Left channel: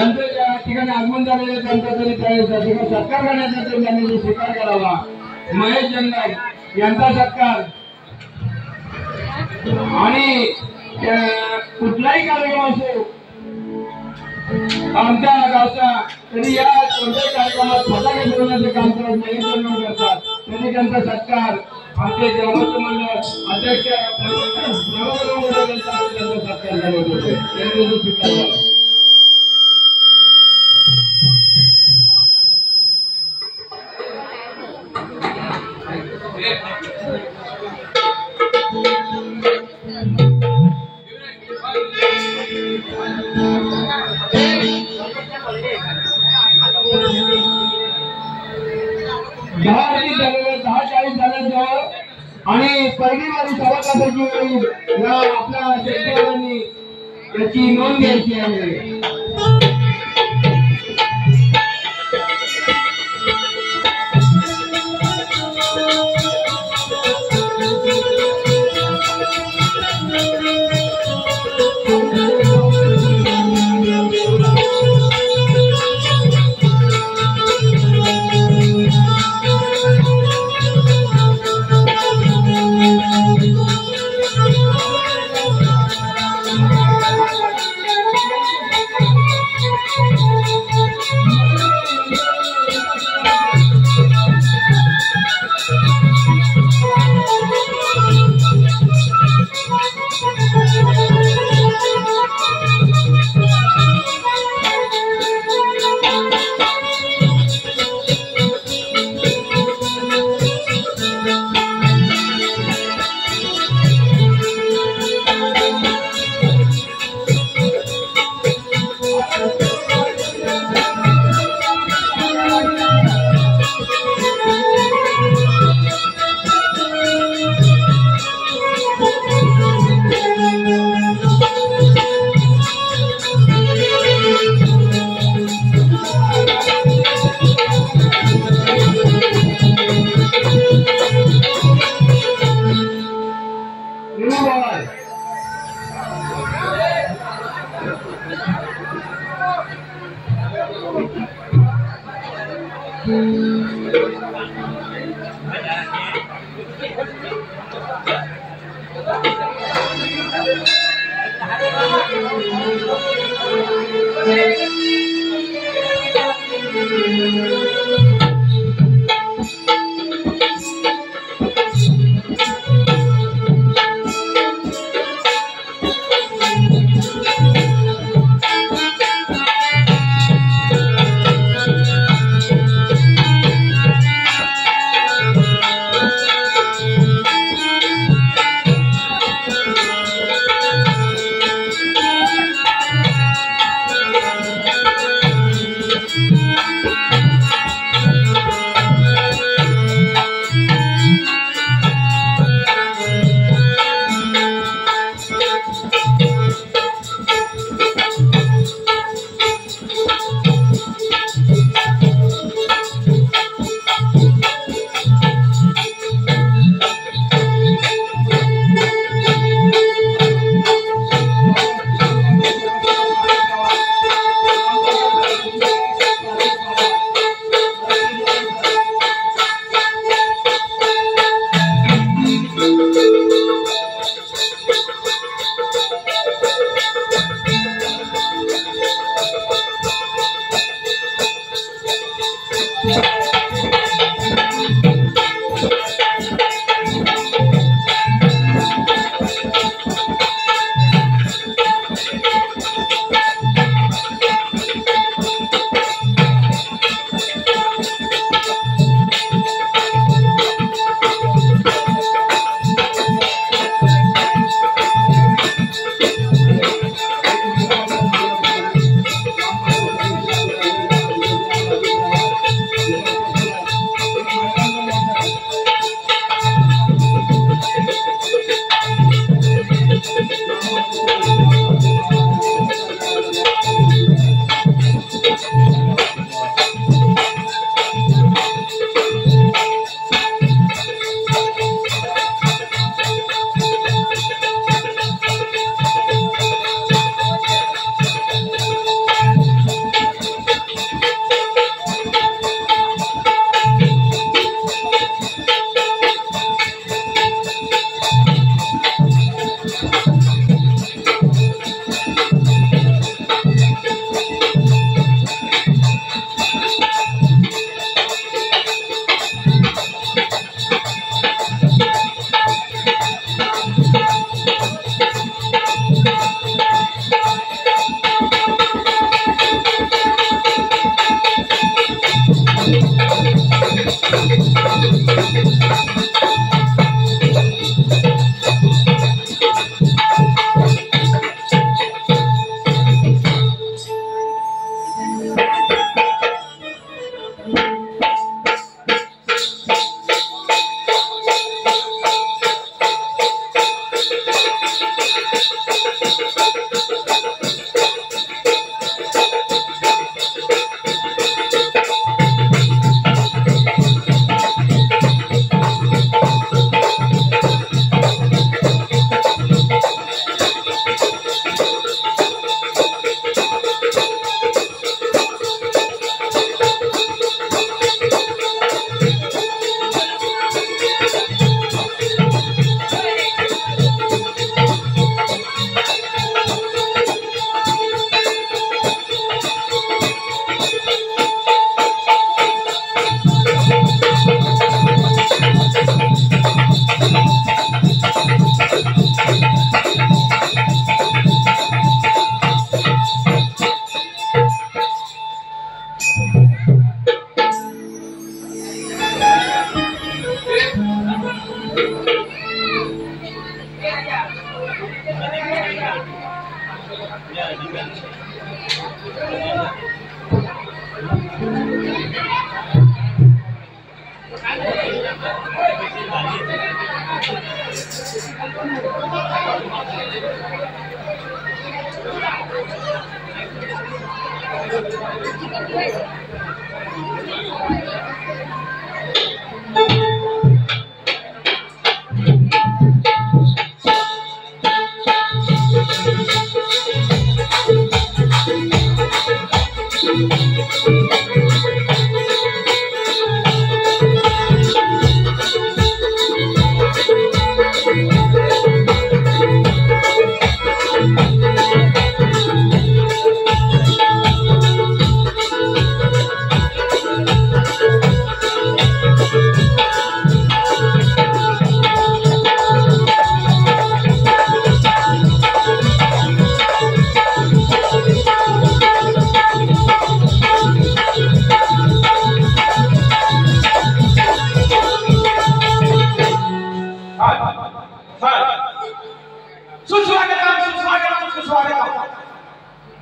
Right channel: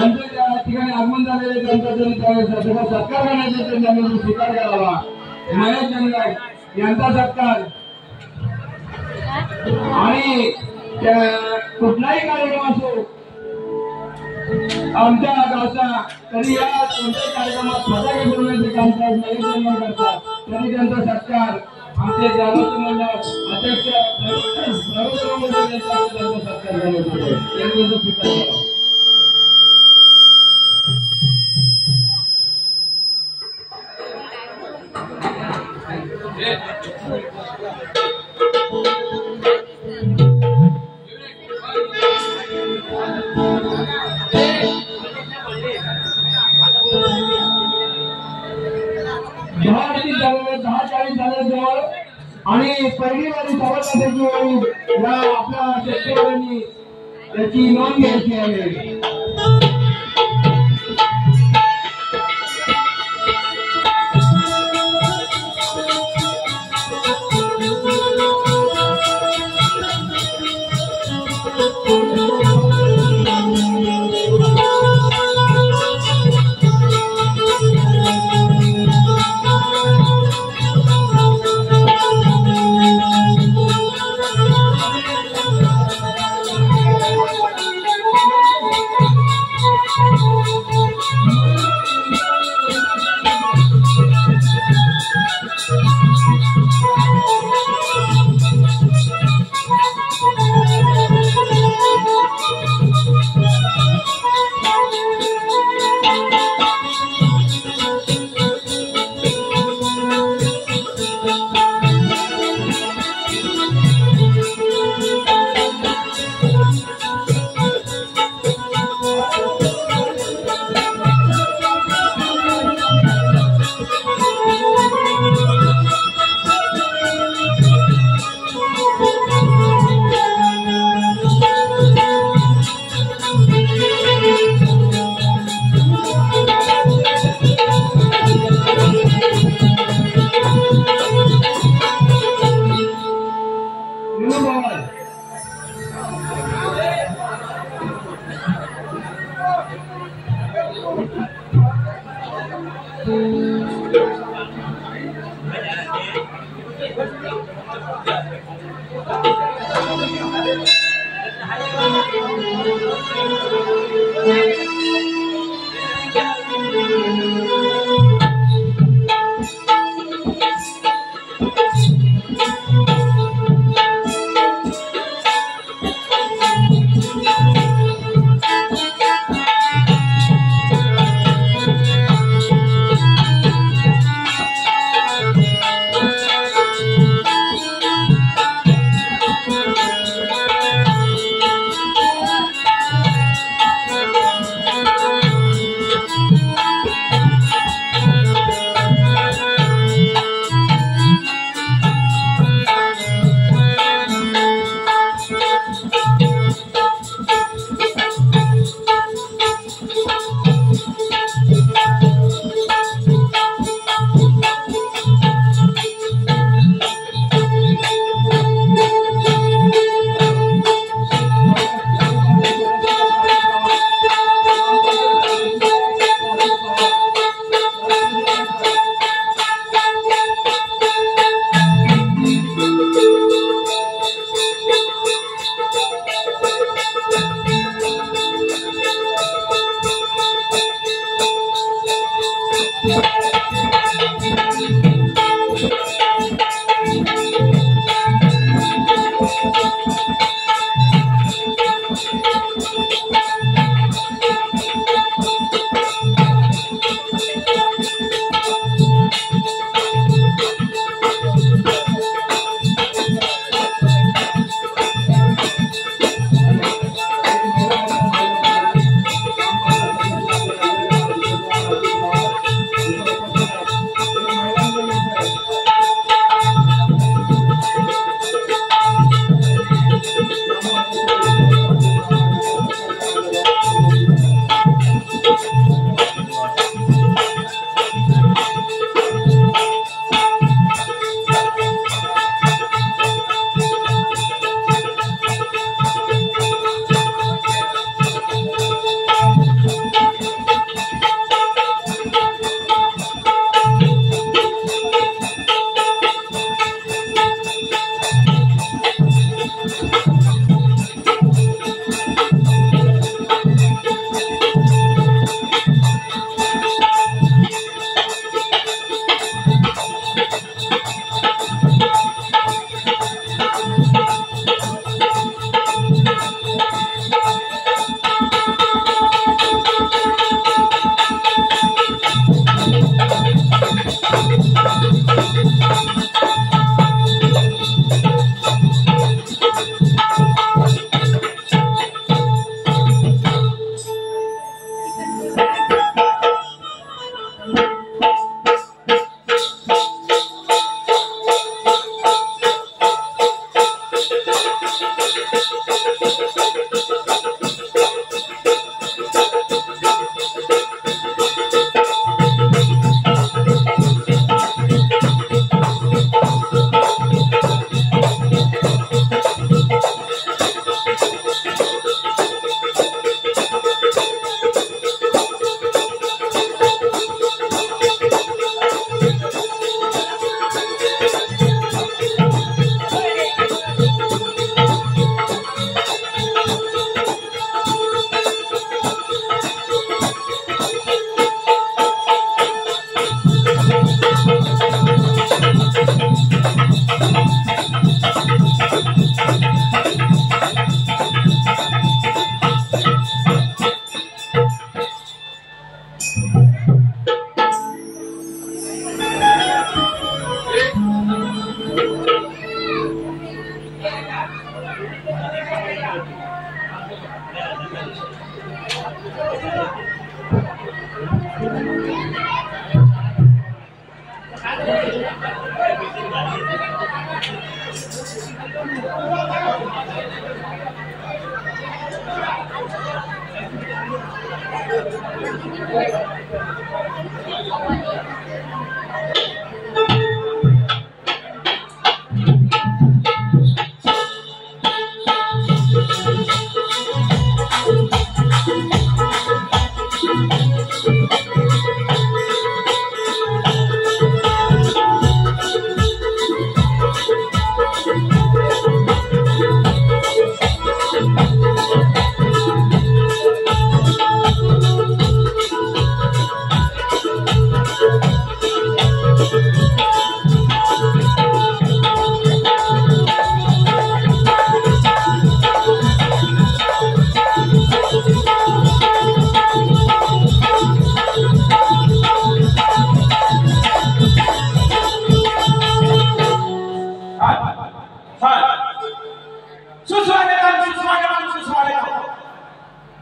यांचं या ठिकाणी आगमन झालेले त्यांचा तरी त्या सत्कार करण्याचा त्यांनी स्वीकार करावा। महेश जंगल यांचा सत्कार आणि कुठलाही कार्यक्रम असो आमच्या गावचा तरी या कोणत्याही कार्यक्रमात फटाके फिरवण्याचे काम करत महेश जंगल करतात तरी त्यांचा सत्कार आमचे ग्रामस्थ मंडळ अध्यक्ष त्यांचा सत्कार करत होते त्यांनी स्वीकार करावा। आणि पहिली वारी सव्वा तासाची वेळी आपल्या शेतकऱ्यांनी याची नोंद घ्यायची आहे।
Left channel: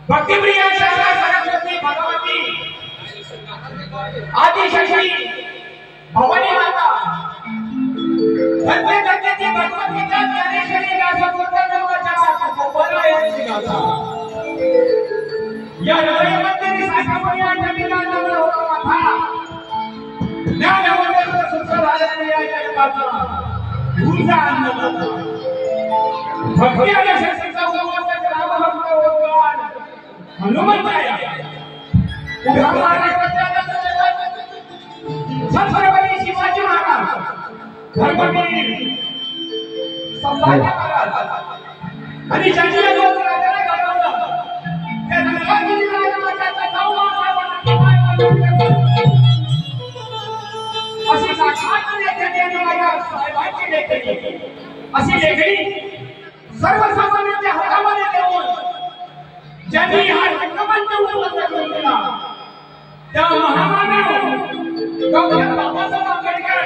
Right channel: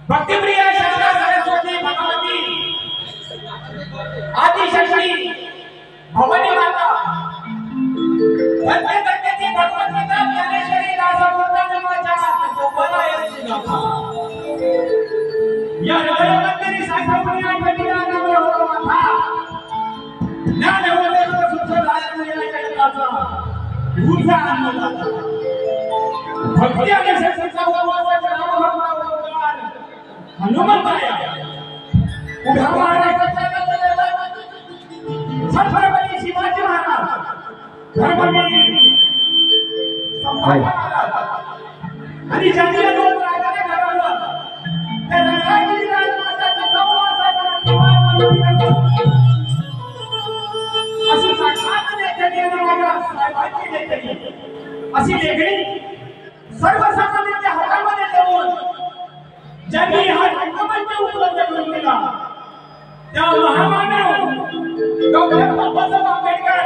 भक्तिप्रिय शारदा सरस्वती भगवती आदिशक्ती भवानी माता धन्य धन्यची भगवद्गीता ज्ञानेश्वरी गाथा गोपाळाची गाथा या हृदयामध्ये साखरपुरी आठवणीला नम्र होतो माथा ज्ञान वंदन सुखदायक या जगाचा ऊर्जा आनंद भक्ती आणि शक्तीचा उपवास राम भक्त ओंकार हनुमंताया उभा महाराष्ट्राचा छत्रपती शिवाजी महाराज धर्मवीर संभाजी महाराज आणि ज्यांनी राजाने घडवलं त्या रंगागिरी राजमाताचा अशी साक्षात नेत्याची आणि माझ्या साहेबांची नेत्याची अशी लेखणी सर्वसामान्यांच्या हातामध्ये देऊन ज्यांनी हा रंगमंच उपलब्ध करून दिला त्या महामानव डॉक्टर बाबासाहेब आंबेडकर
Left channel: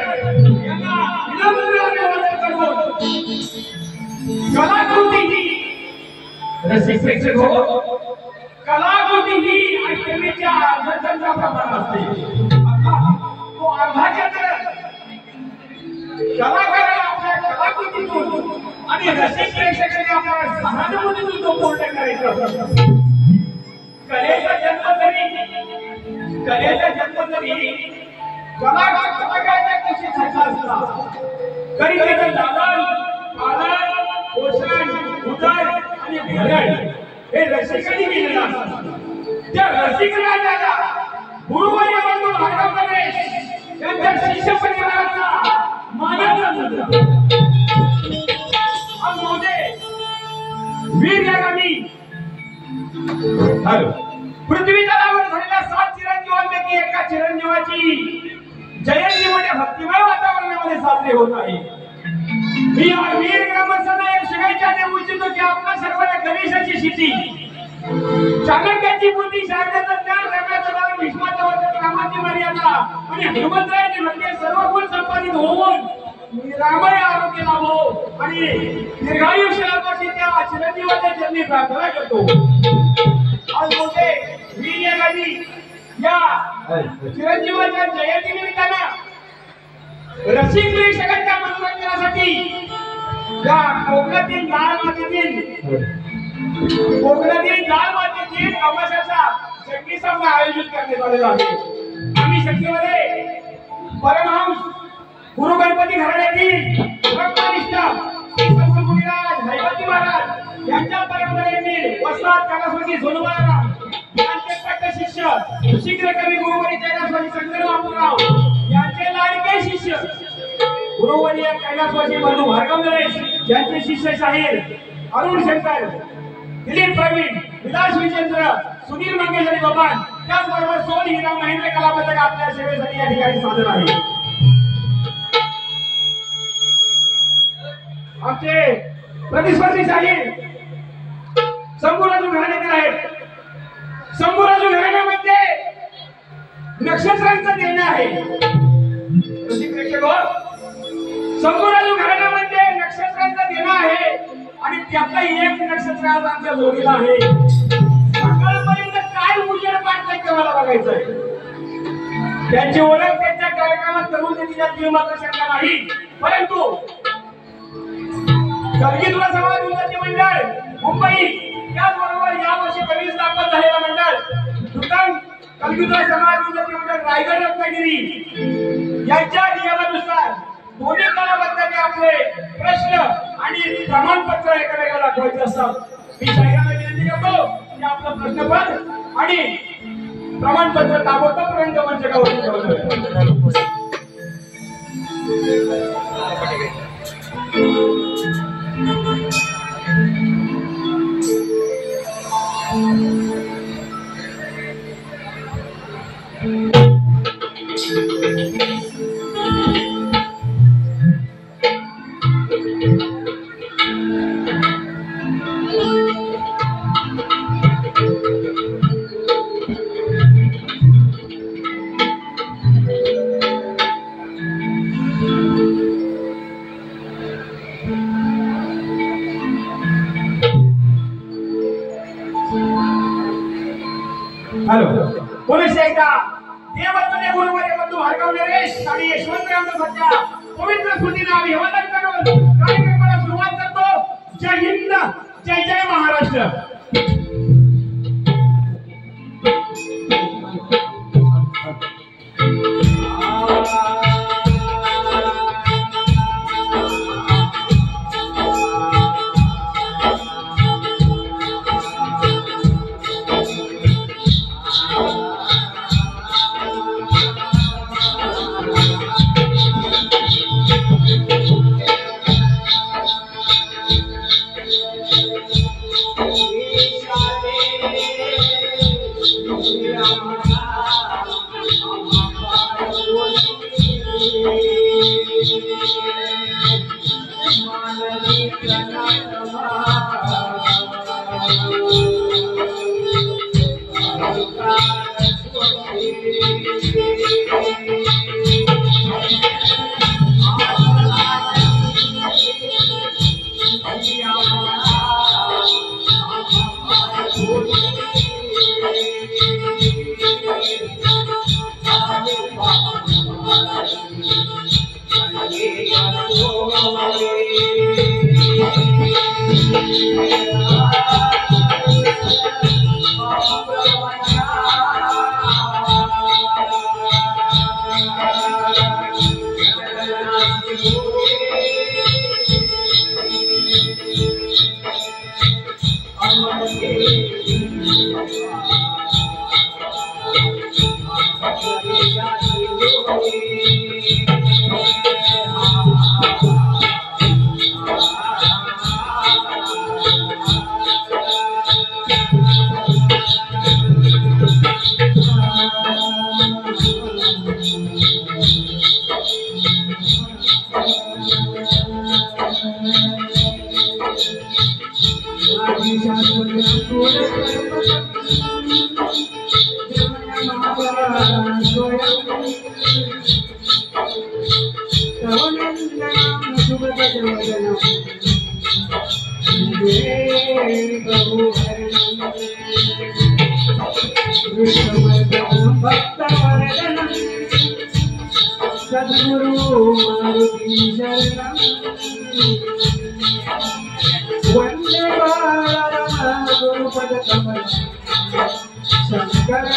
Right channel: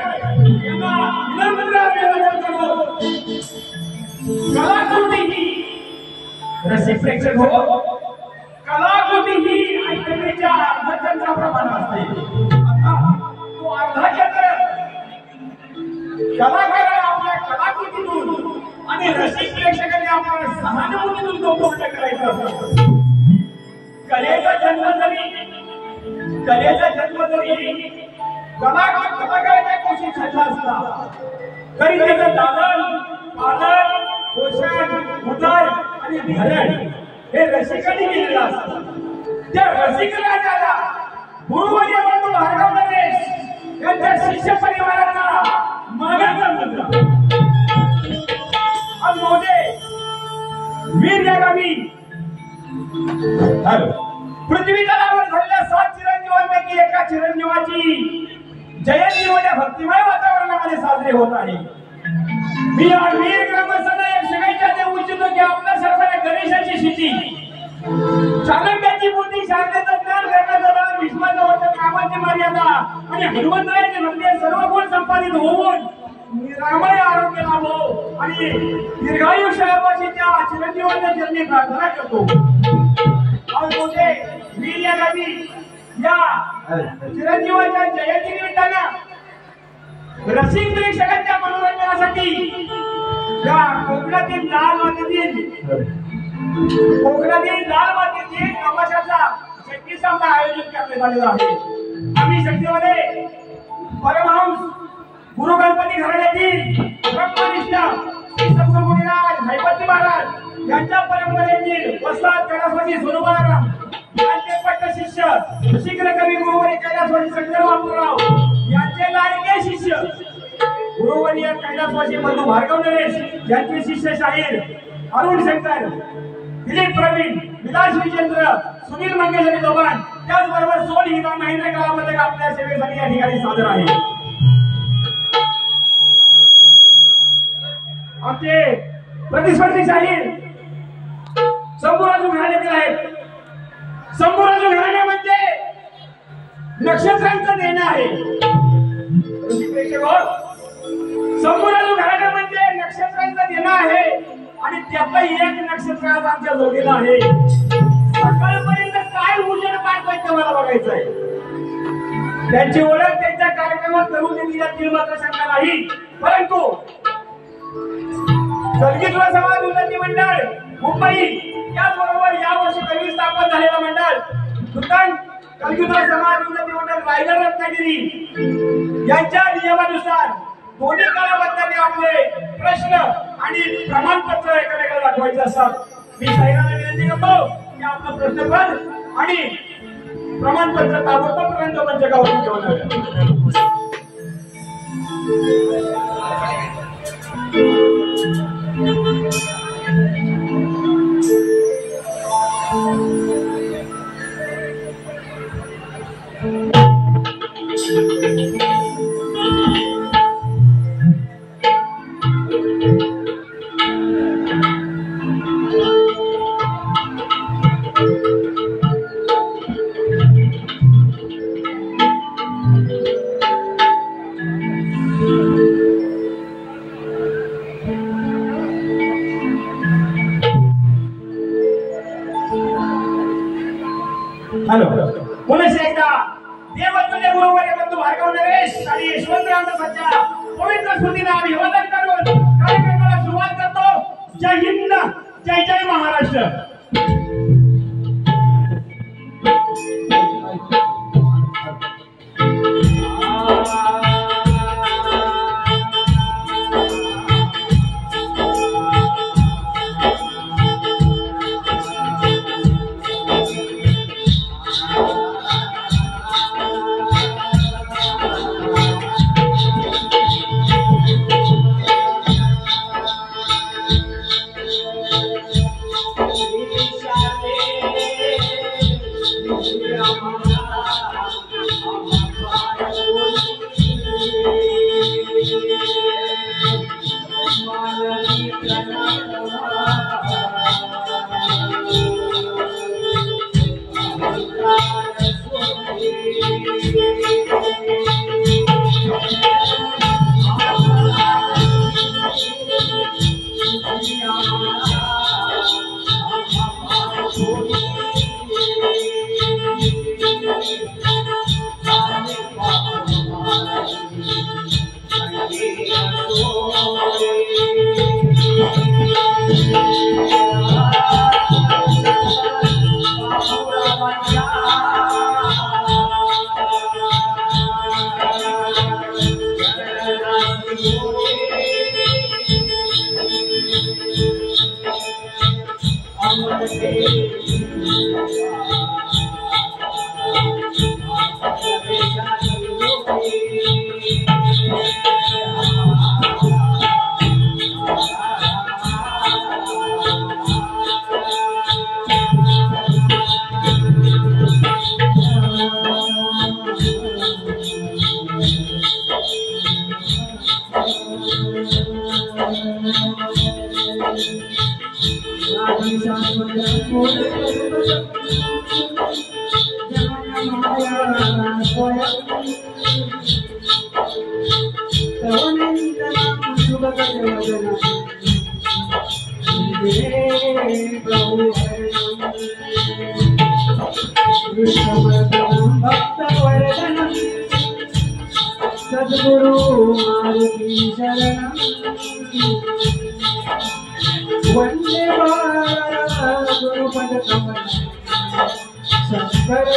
यांना विनम्र अभिवादन करतो। कलाकृती ही रसिक प्रेक्षक हो, कलाकृती ही ऐकण्याच्या अर्धाच्या प्रमाणात असते। तो अर्धाच्या कलाकार आपल्या कलाकृतीतून आणि रसिक प्रेक्षकांनी आपल्या सहानुभूतीतून तो पूर्ण करायचा असतो। कलेचा जन्म जरी कलाकाराच्या कुशीत झाला असला तरी त्याचं दालन पालन पोषण उदय आणि भरण हे रसिकांनी केलेलं असतं। त्या रसिक राजाला गुरुवर्य बंधू भार्गव गणेश यांच्या शिष्य परिवाराचा मानाचा मुद्रा वीर यागामी पृथ्वी तलावर झालेल्या 7 चिरंजीवांपैकी एका चिरंजीवाची जयंती मोठ्या भक्तिमय वातावरणामध्ये साजरी होत आहे। मी या वीर ग्रामस्थांना एक शुभेच्छा देऊ इच्छितो की आपल्या सर्वांना गणेशाची शिटी चाणक्याची बुद्धी शारदेचं ज्ञान करण्याचं दान भीष्माचं वचन कामाची मर्यादा आणि हनुमंतरायाची भक्ती सर्व गुण संपादित होऊन निरामय आरोग्य लाभो आणि दीर्घायुष्यापाशी त्या चिरंजीवाच्या जन्मी प्रार्थना करतो। आज मोठे वीर यागामी या चिरंजीवाच्या जयंती निमित्तानं रसिक प्रेक्षकांच्या मनोरंजनासाठी या कोकणातील लाल मातीतील तमाशाचा शक्ती सामना आयोजित करण्यात आलेला आहे। आम्ही शक्तीमध्ये परमहंस गुरु गणपती घराण्यातील ब्रह्मनिष्ठा श्री सद्गुरुराज हैबती महाराज यांच्या परंपरेतील वस्ताद कैलासवासी सोनबाळाराम यांचे पट्ट शिष्य शीघ्र कवी गुरुवर्य कैलासवासी शंकर बापूराव यांचे लाडके शिष्य गुरुवर्य कैलासवासी बंधू भार्गव गणेश यांचे शिष्य शाहीर अरुण शंकर दिलीप प्रवीण विलास विजेंद्र सुनील मंगेश आणि गोपाल त्याचबरोबर सोल हिरा महेंद्र कला पथक आपल्या सेवेसाठी या ठिकाणी सादर आहे। आमचे प्रतिस्पर्धी शाहीर शंभूराजू घराण्यातील आहेत। शंभूराजू घराण्यामध्ये नक्षत्रांचं देणं आहे। शंभूराजू घराण्यामध्ये नक्षत्रांचं देणं आहे आणि त्यातलं एक नक्षत्र आज आमच्या जोडीला आहे। सकाळपर्यंत काय उजेड काढताय ते मला बघायचं आहे। त्यांची ओळख त्यांच्या कार्यक्रमात करून दिली जाते मात्र शंका नाही, परंतु कलगीधर समाज उन्नती मंडळ मुंबई त्याचबरोबर यावर्षी नवीन स्थापन झालेलं मंडळ कलयुग समाज उन्नती मंडळ रायगड रत्नागिरी यांच्या नियमानुसार दोन्ही कालावधीमध्ये आपले प्रश्न आणि प्रमाणपत्र एकामेकाला दाखवायचे असतात. मी साहेबांना विनंती करतो की आपला प्रश्न पण आणि प्रमाणपत्र ताबडतोब रंगमंचावरती ठेवावे. हॅलो पुलिस एकदा देवत्वने गुरुवर बंधू भार्गव नरेश आणि यशवंतराव सध्या पवित्र स्मृतीने अभिवादन करून कार्यक्रमाला सुरुवात करतो. जय हिंद, जय जय महाराष्ट्र. सद्गुरु मारुति शरणं वंदे गुरुपद कमल शंकर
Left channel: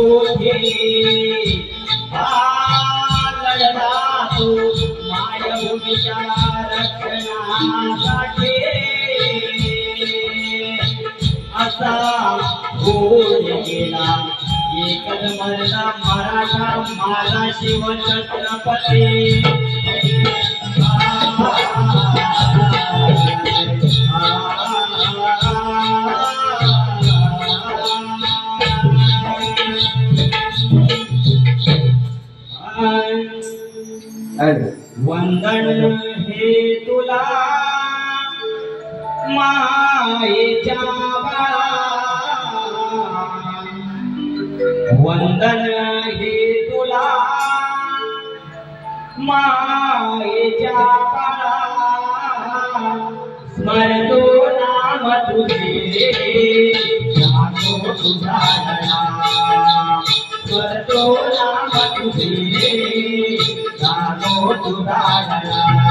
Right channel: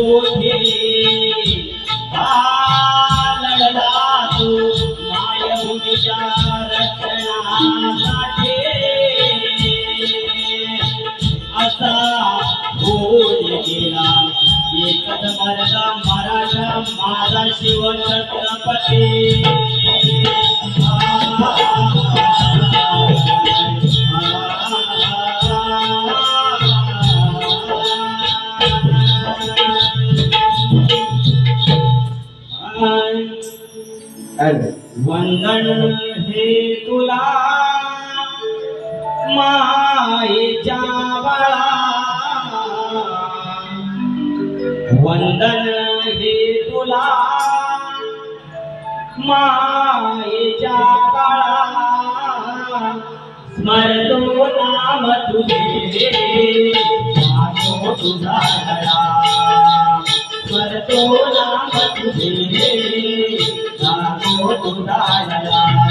मोठे लढला तू मायभूमीच्या रक्षणासाठी असा होऊन गेला एकच मरला मराठा माझा शिवछत्रपती वंदन हे तुला मायेच्या बाळा वंदन हे तुला मायेच्या बाळा स्मरतो नाम तुझे जातो तुझा लळा स्मरतो नाम तुझे जातो तुझा लळा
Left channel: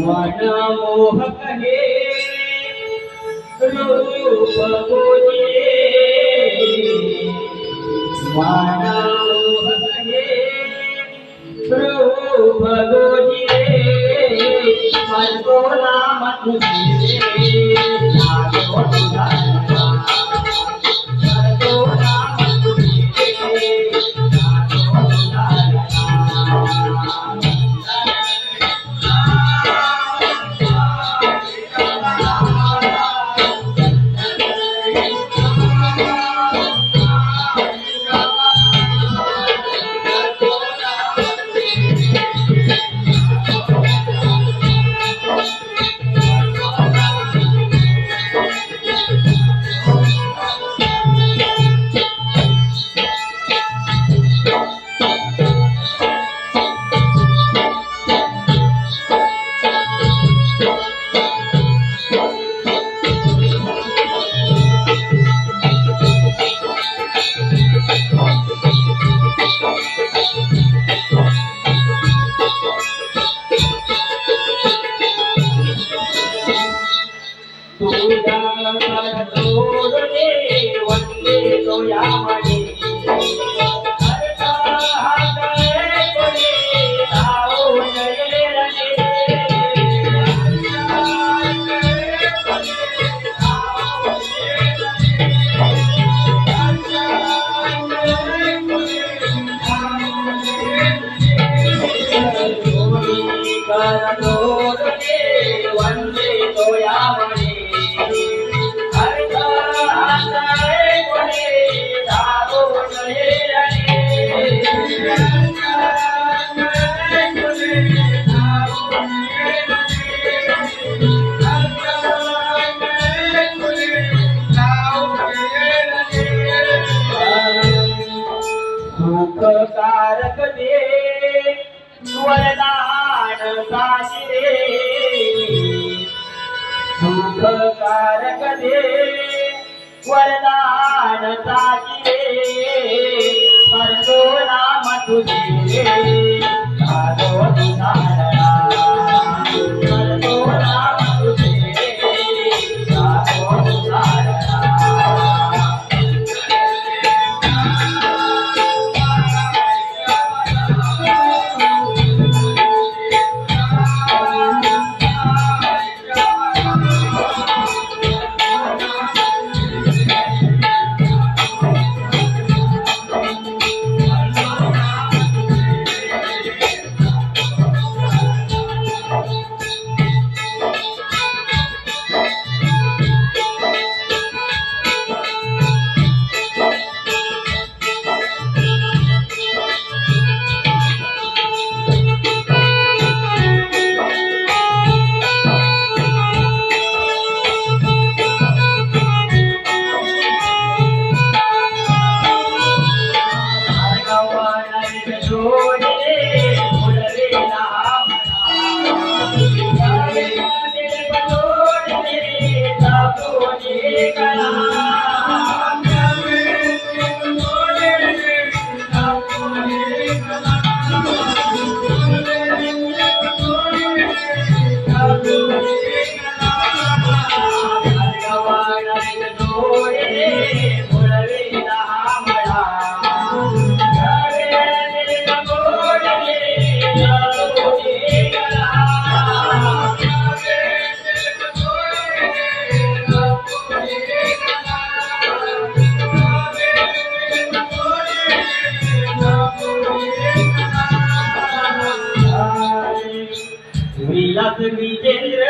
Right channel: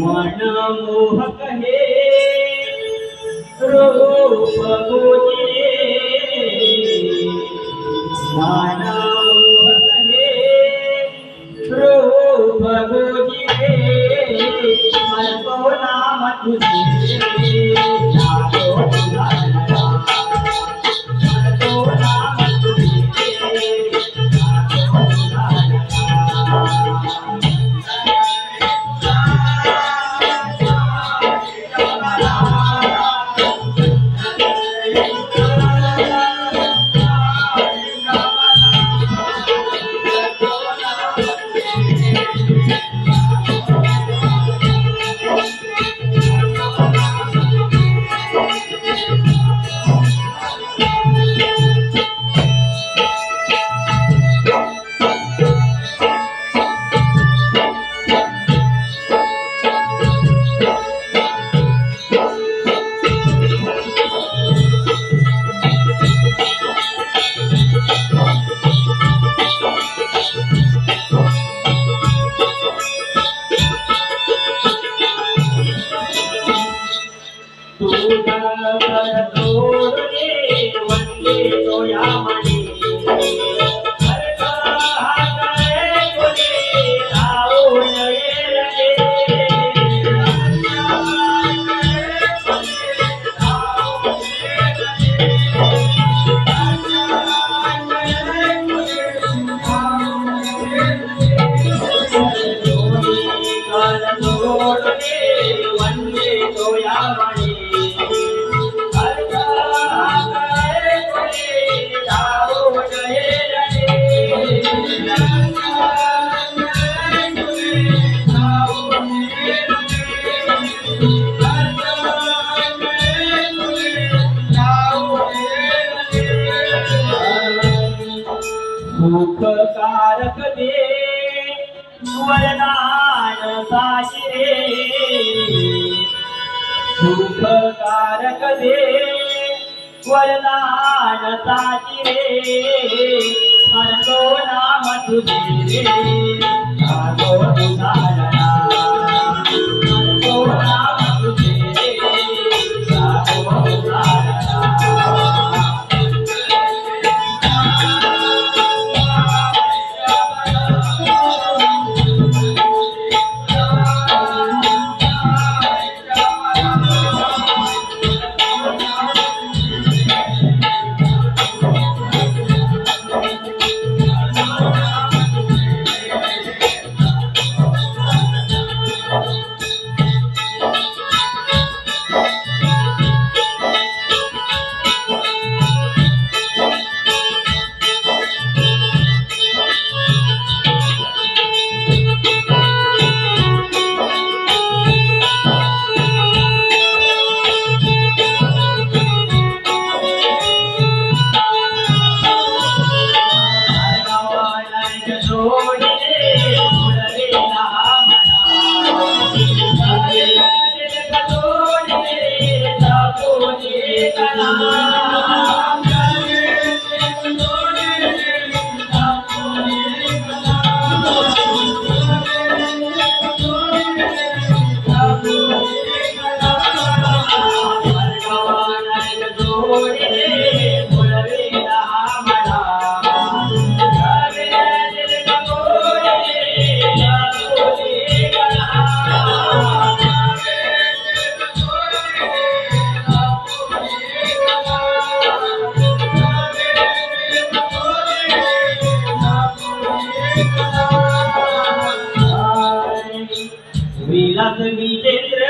मनमोहक हे रूप तुझे मनमोहक हे रूप तुझे मरतो नाम तुझे जातो तुझा लळा मरतो नाम तुझे जातो तुझा लळा सुखकारक दे वरदान साशिरे सुखकारक दे वरदान साशिरे करतो नाम तुझे साधो तुझारा करतो नाम तुझे साधो तुझारा विलास विजेंद्र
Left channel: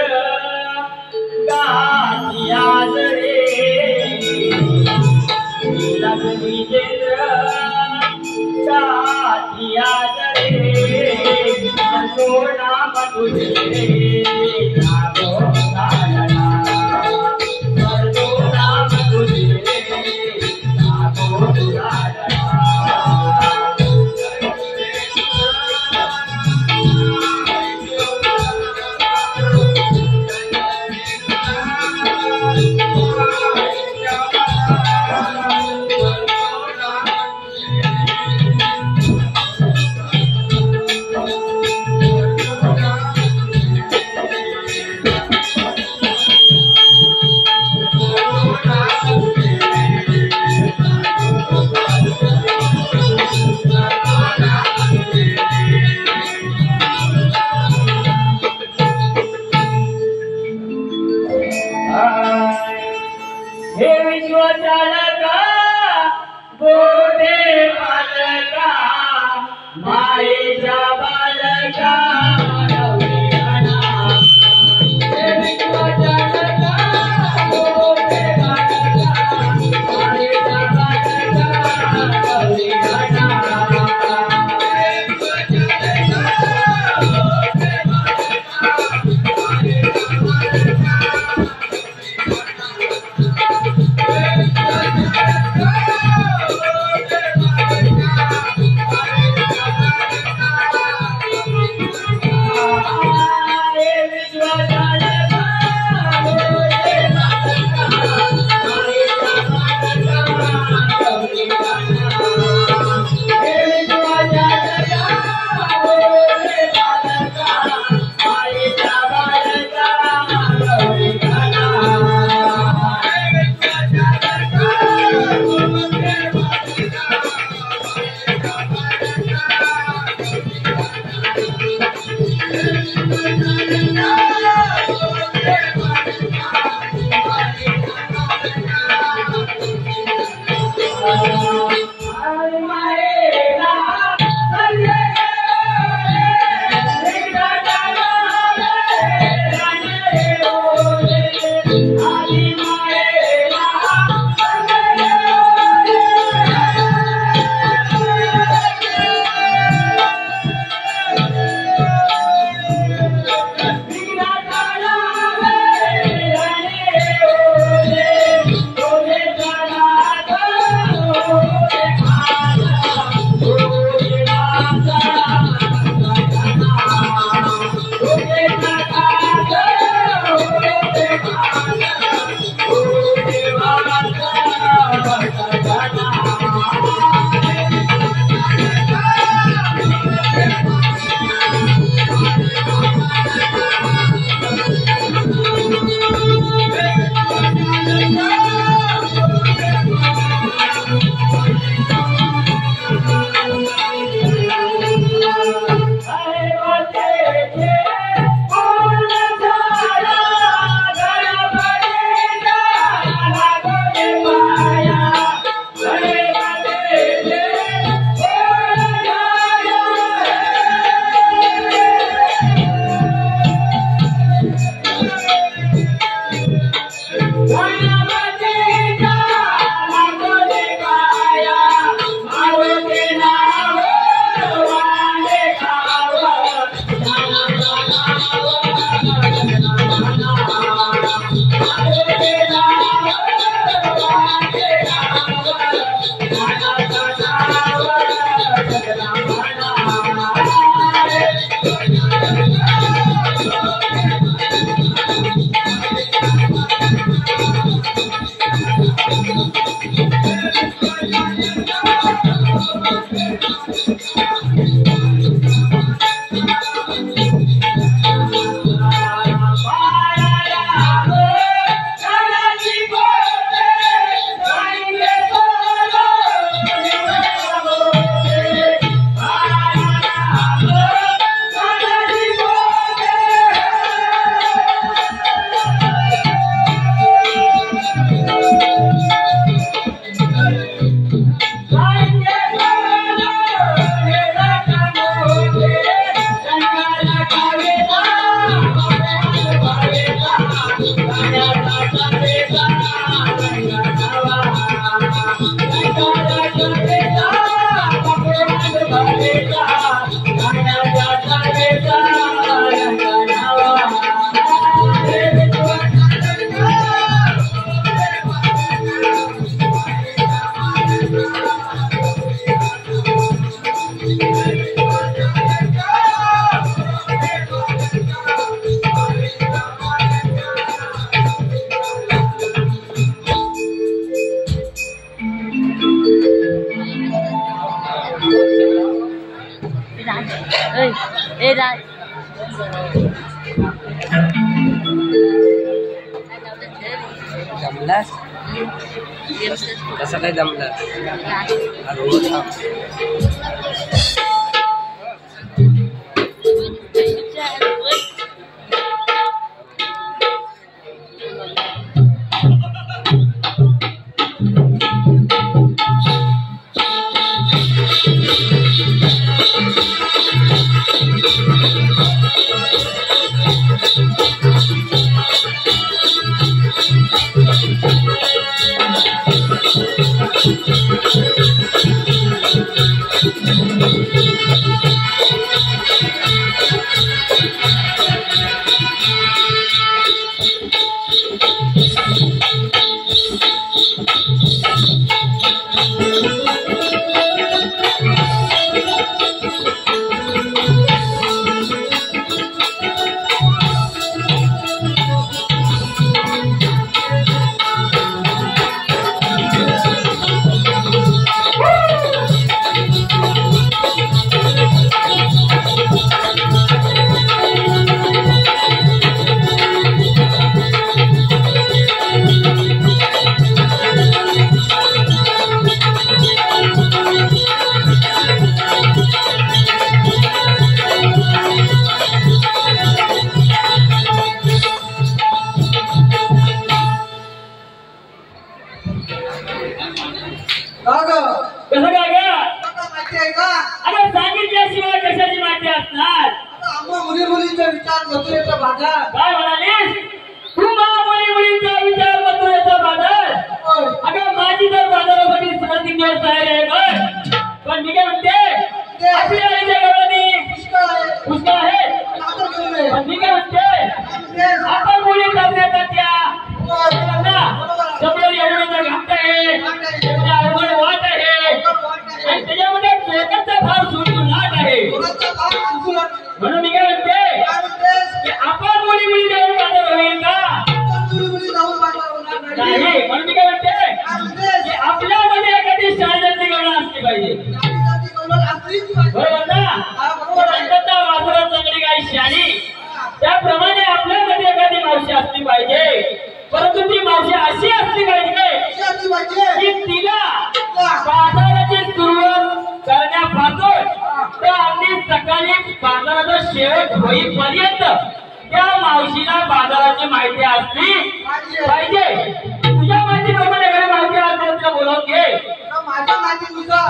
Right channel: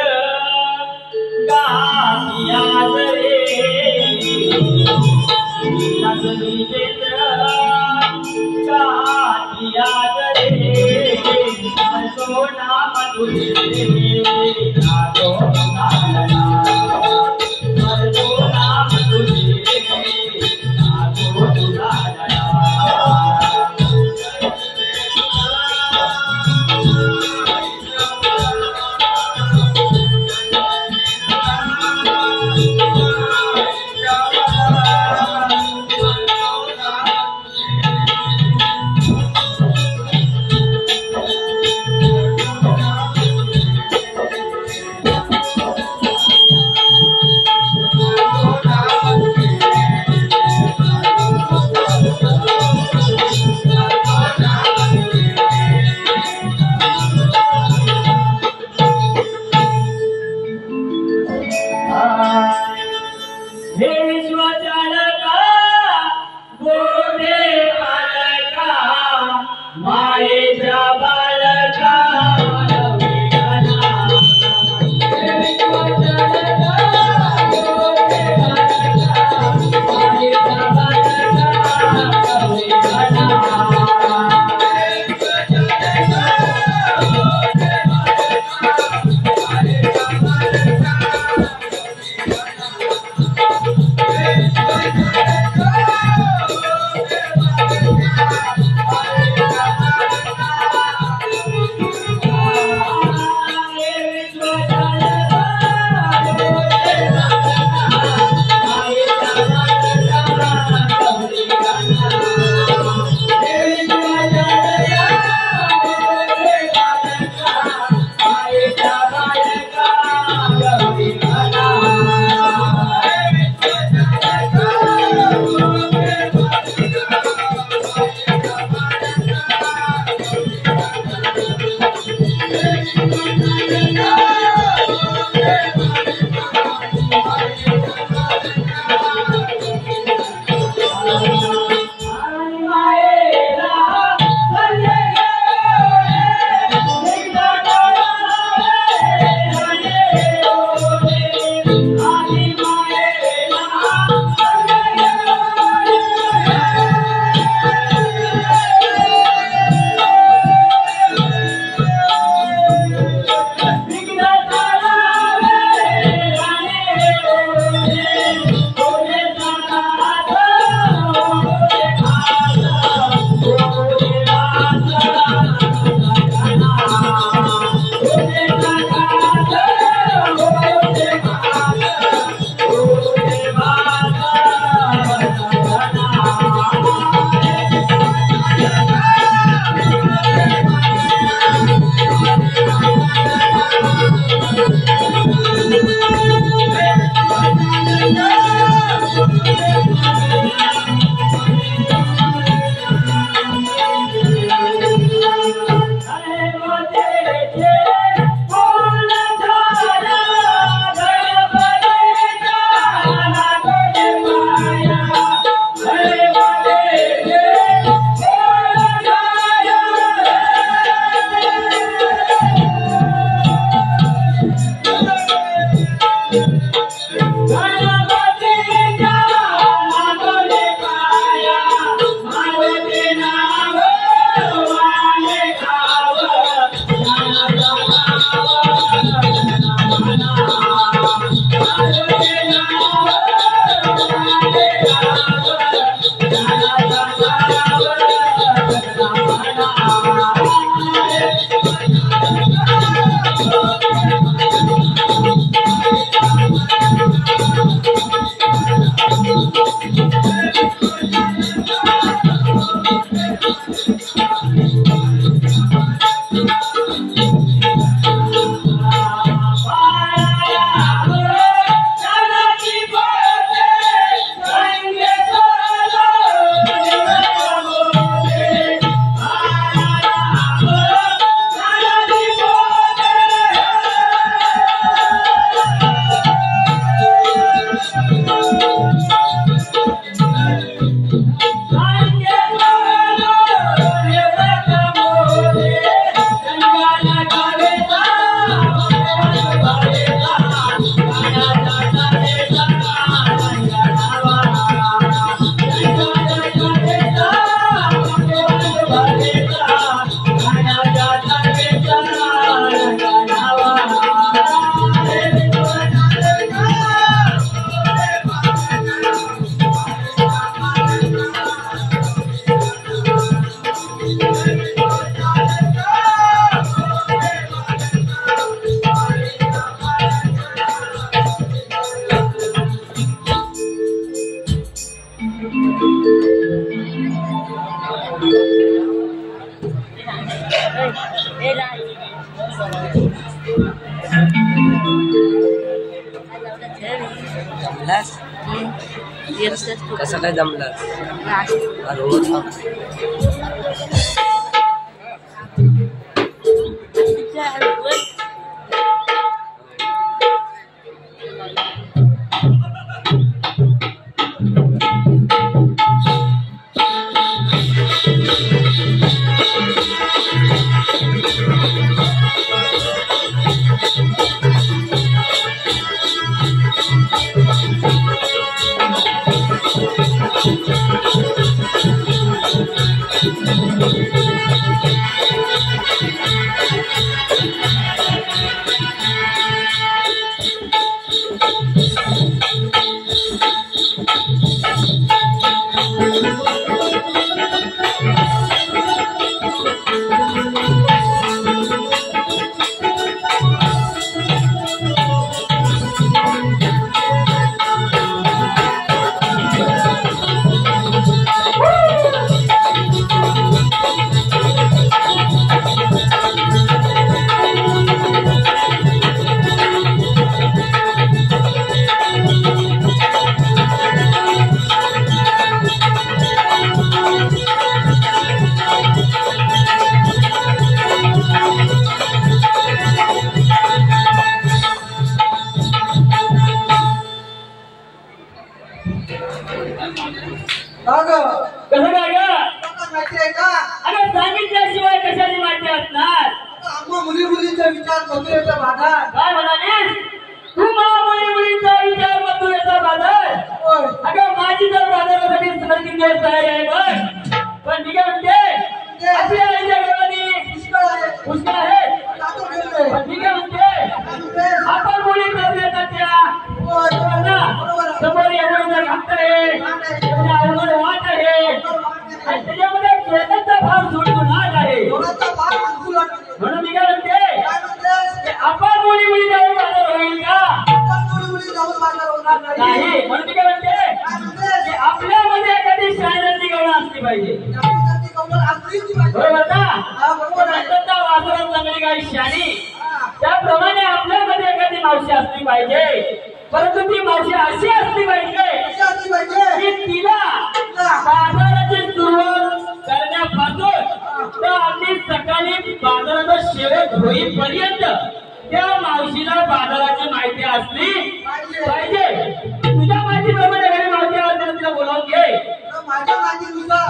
गातिया रे विलास विजेंद्र गातिया रे तो नाम तुझे नागो नालना तो नाम तुझे नागो नालना जमलास कसं काय जमलास रोज मथुरेचा बाजार. काय म्हणालीस तू महामुली मुलींचा विचार मथुरेचा बाजार. होय. अगं माझी तर बाजारासाठी 3 दिवस तयारी आहे बघ. पण मी काय म्हणते आपल्या आईच्या गावानी पुष्कळ आहे. पण मी काय म्हणते आपण मुली करण्याचा त्या समोर एवढं घाट आहे अवघड वाट आहे आणि त्याच्यामध्ये केसांचा फार सुटसुटाट आहे. म्हणून मी काय म्हणते की आपण मुली जाऊन बाजार होईल का नाही. म्हणून मी काय म्हणते की आपल्यामध्ये एखादी शाळेची गवळण असली पाहिजे. बरोबर ना. वासरात चांगली काही शाणी त्याप्रमाणे आपल्यामध्ये एखादी मावशी असली पाहिजे. परंतु ती मावशी अशी असली पाहिजे की तिला बाजाराची सुरुवात करण्यापासून तर अगदी सकाळी बाजाराचा शेवट होईपर्यंत त्या मावशीला बाजाराची माहिती असली पाहिजे. तुझ्या माहितीप्रमाणे एखादी मावशी असते तिला बोलावून घे. माझ्या माहितीनुसार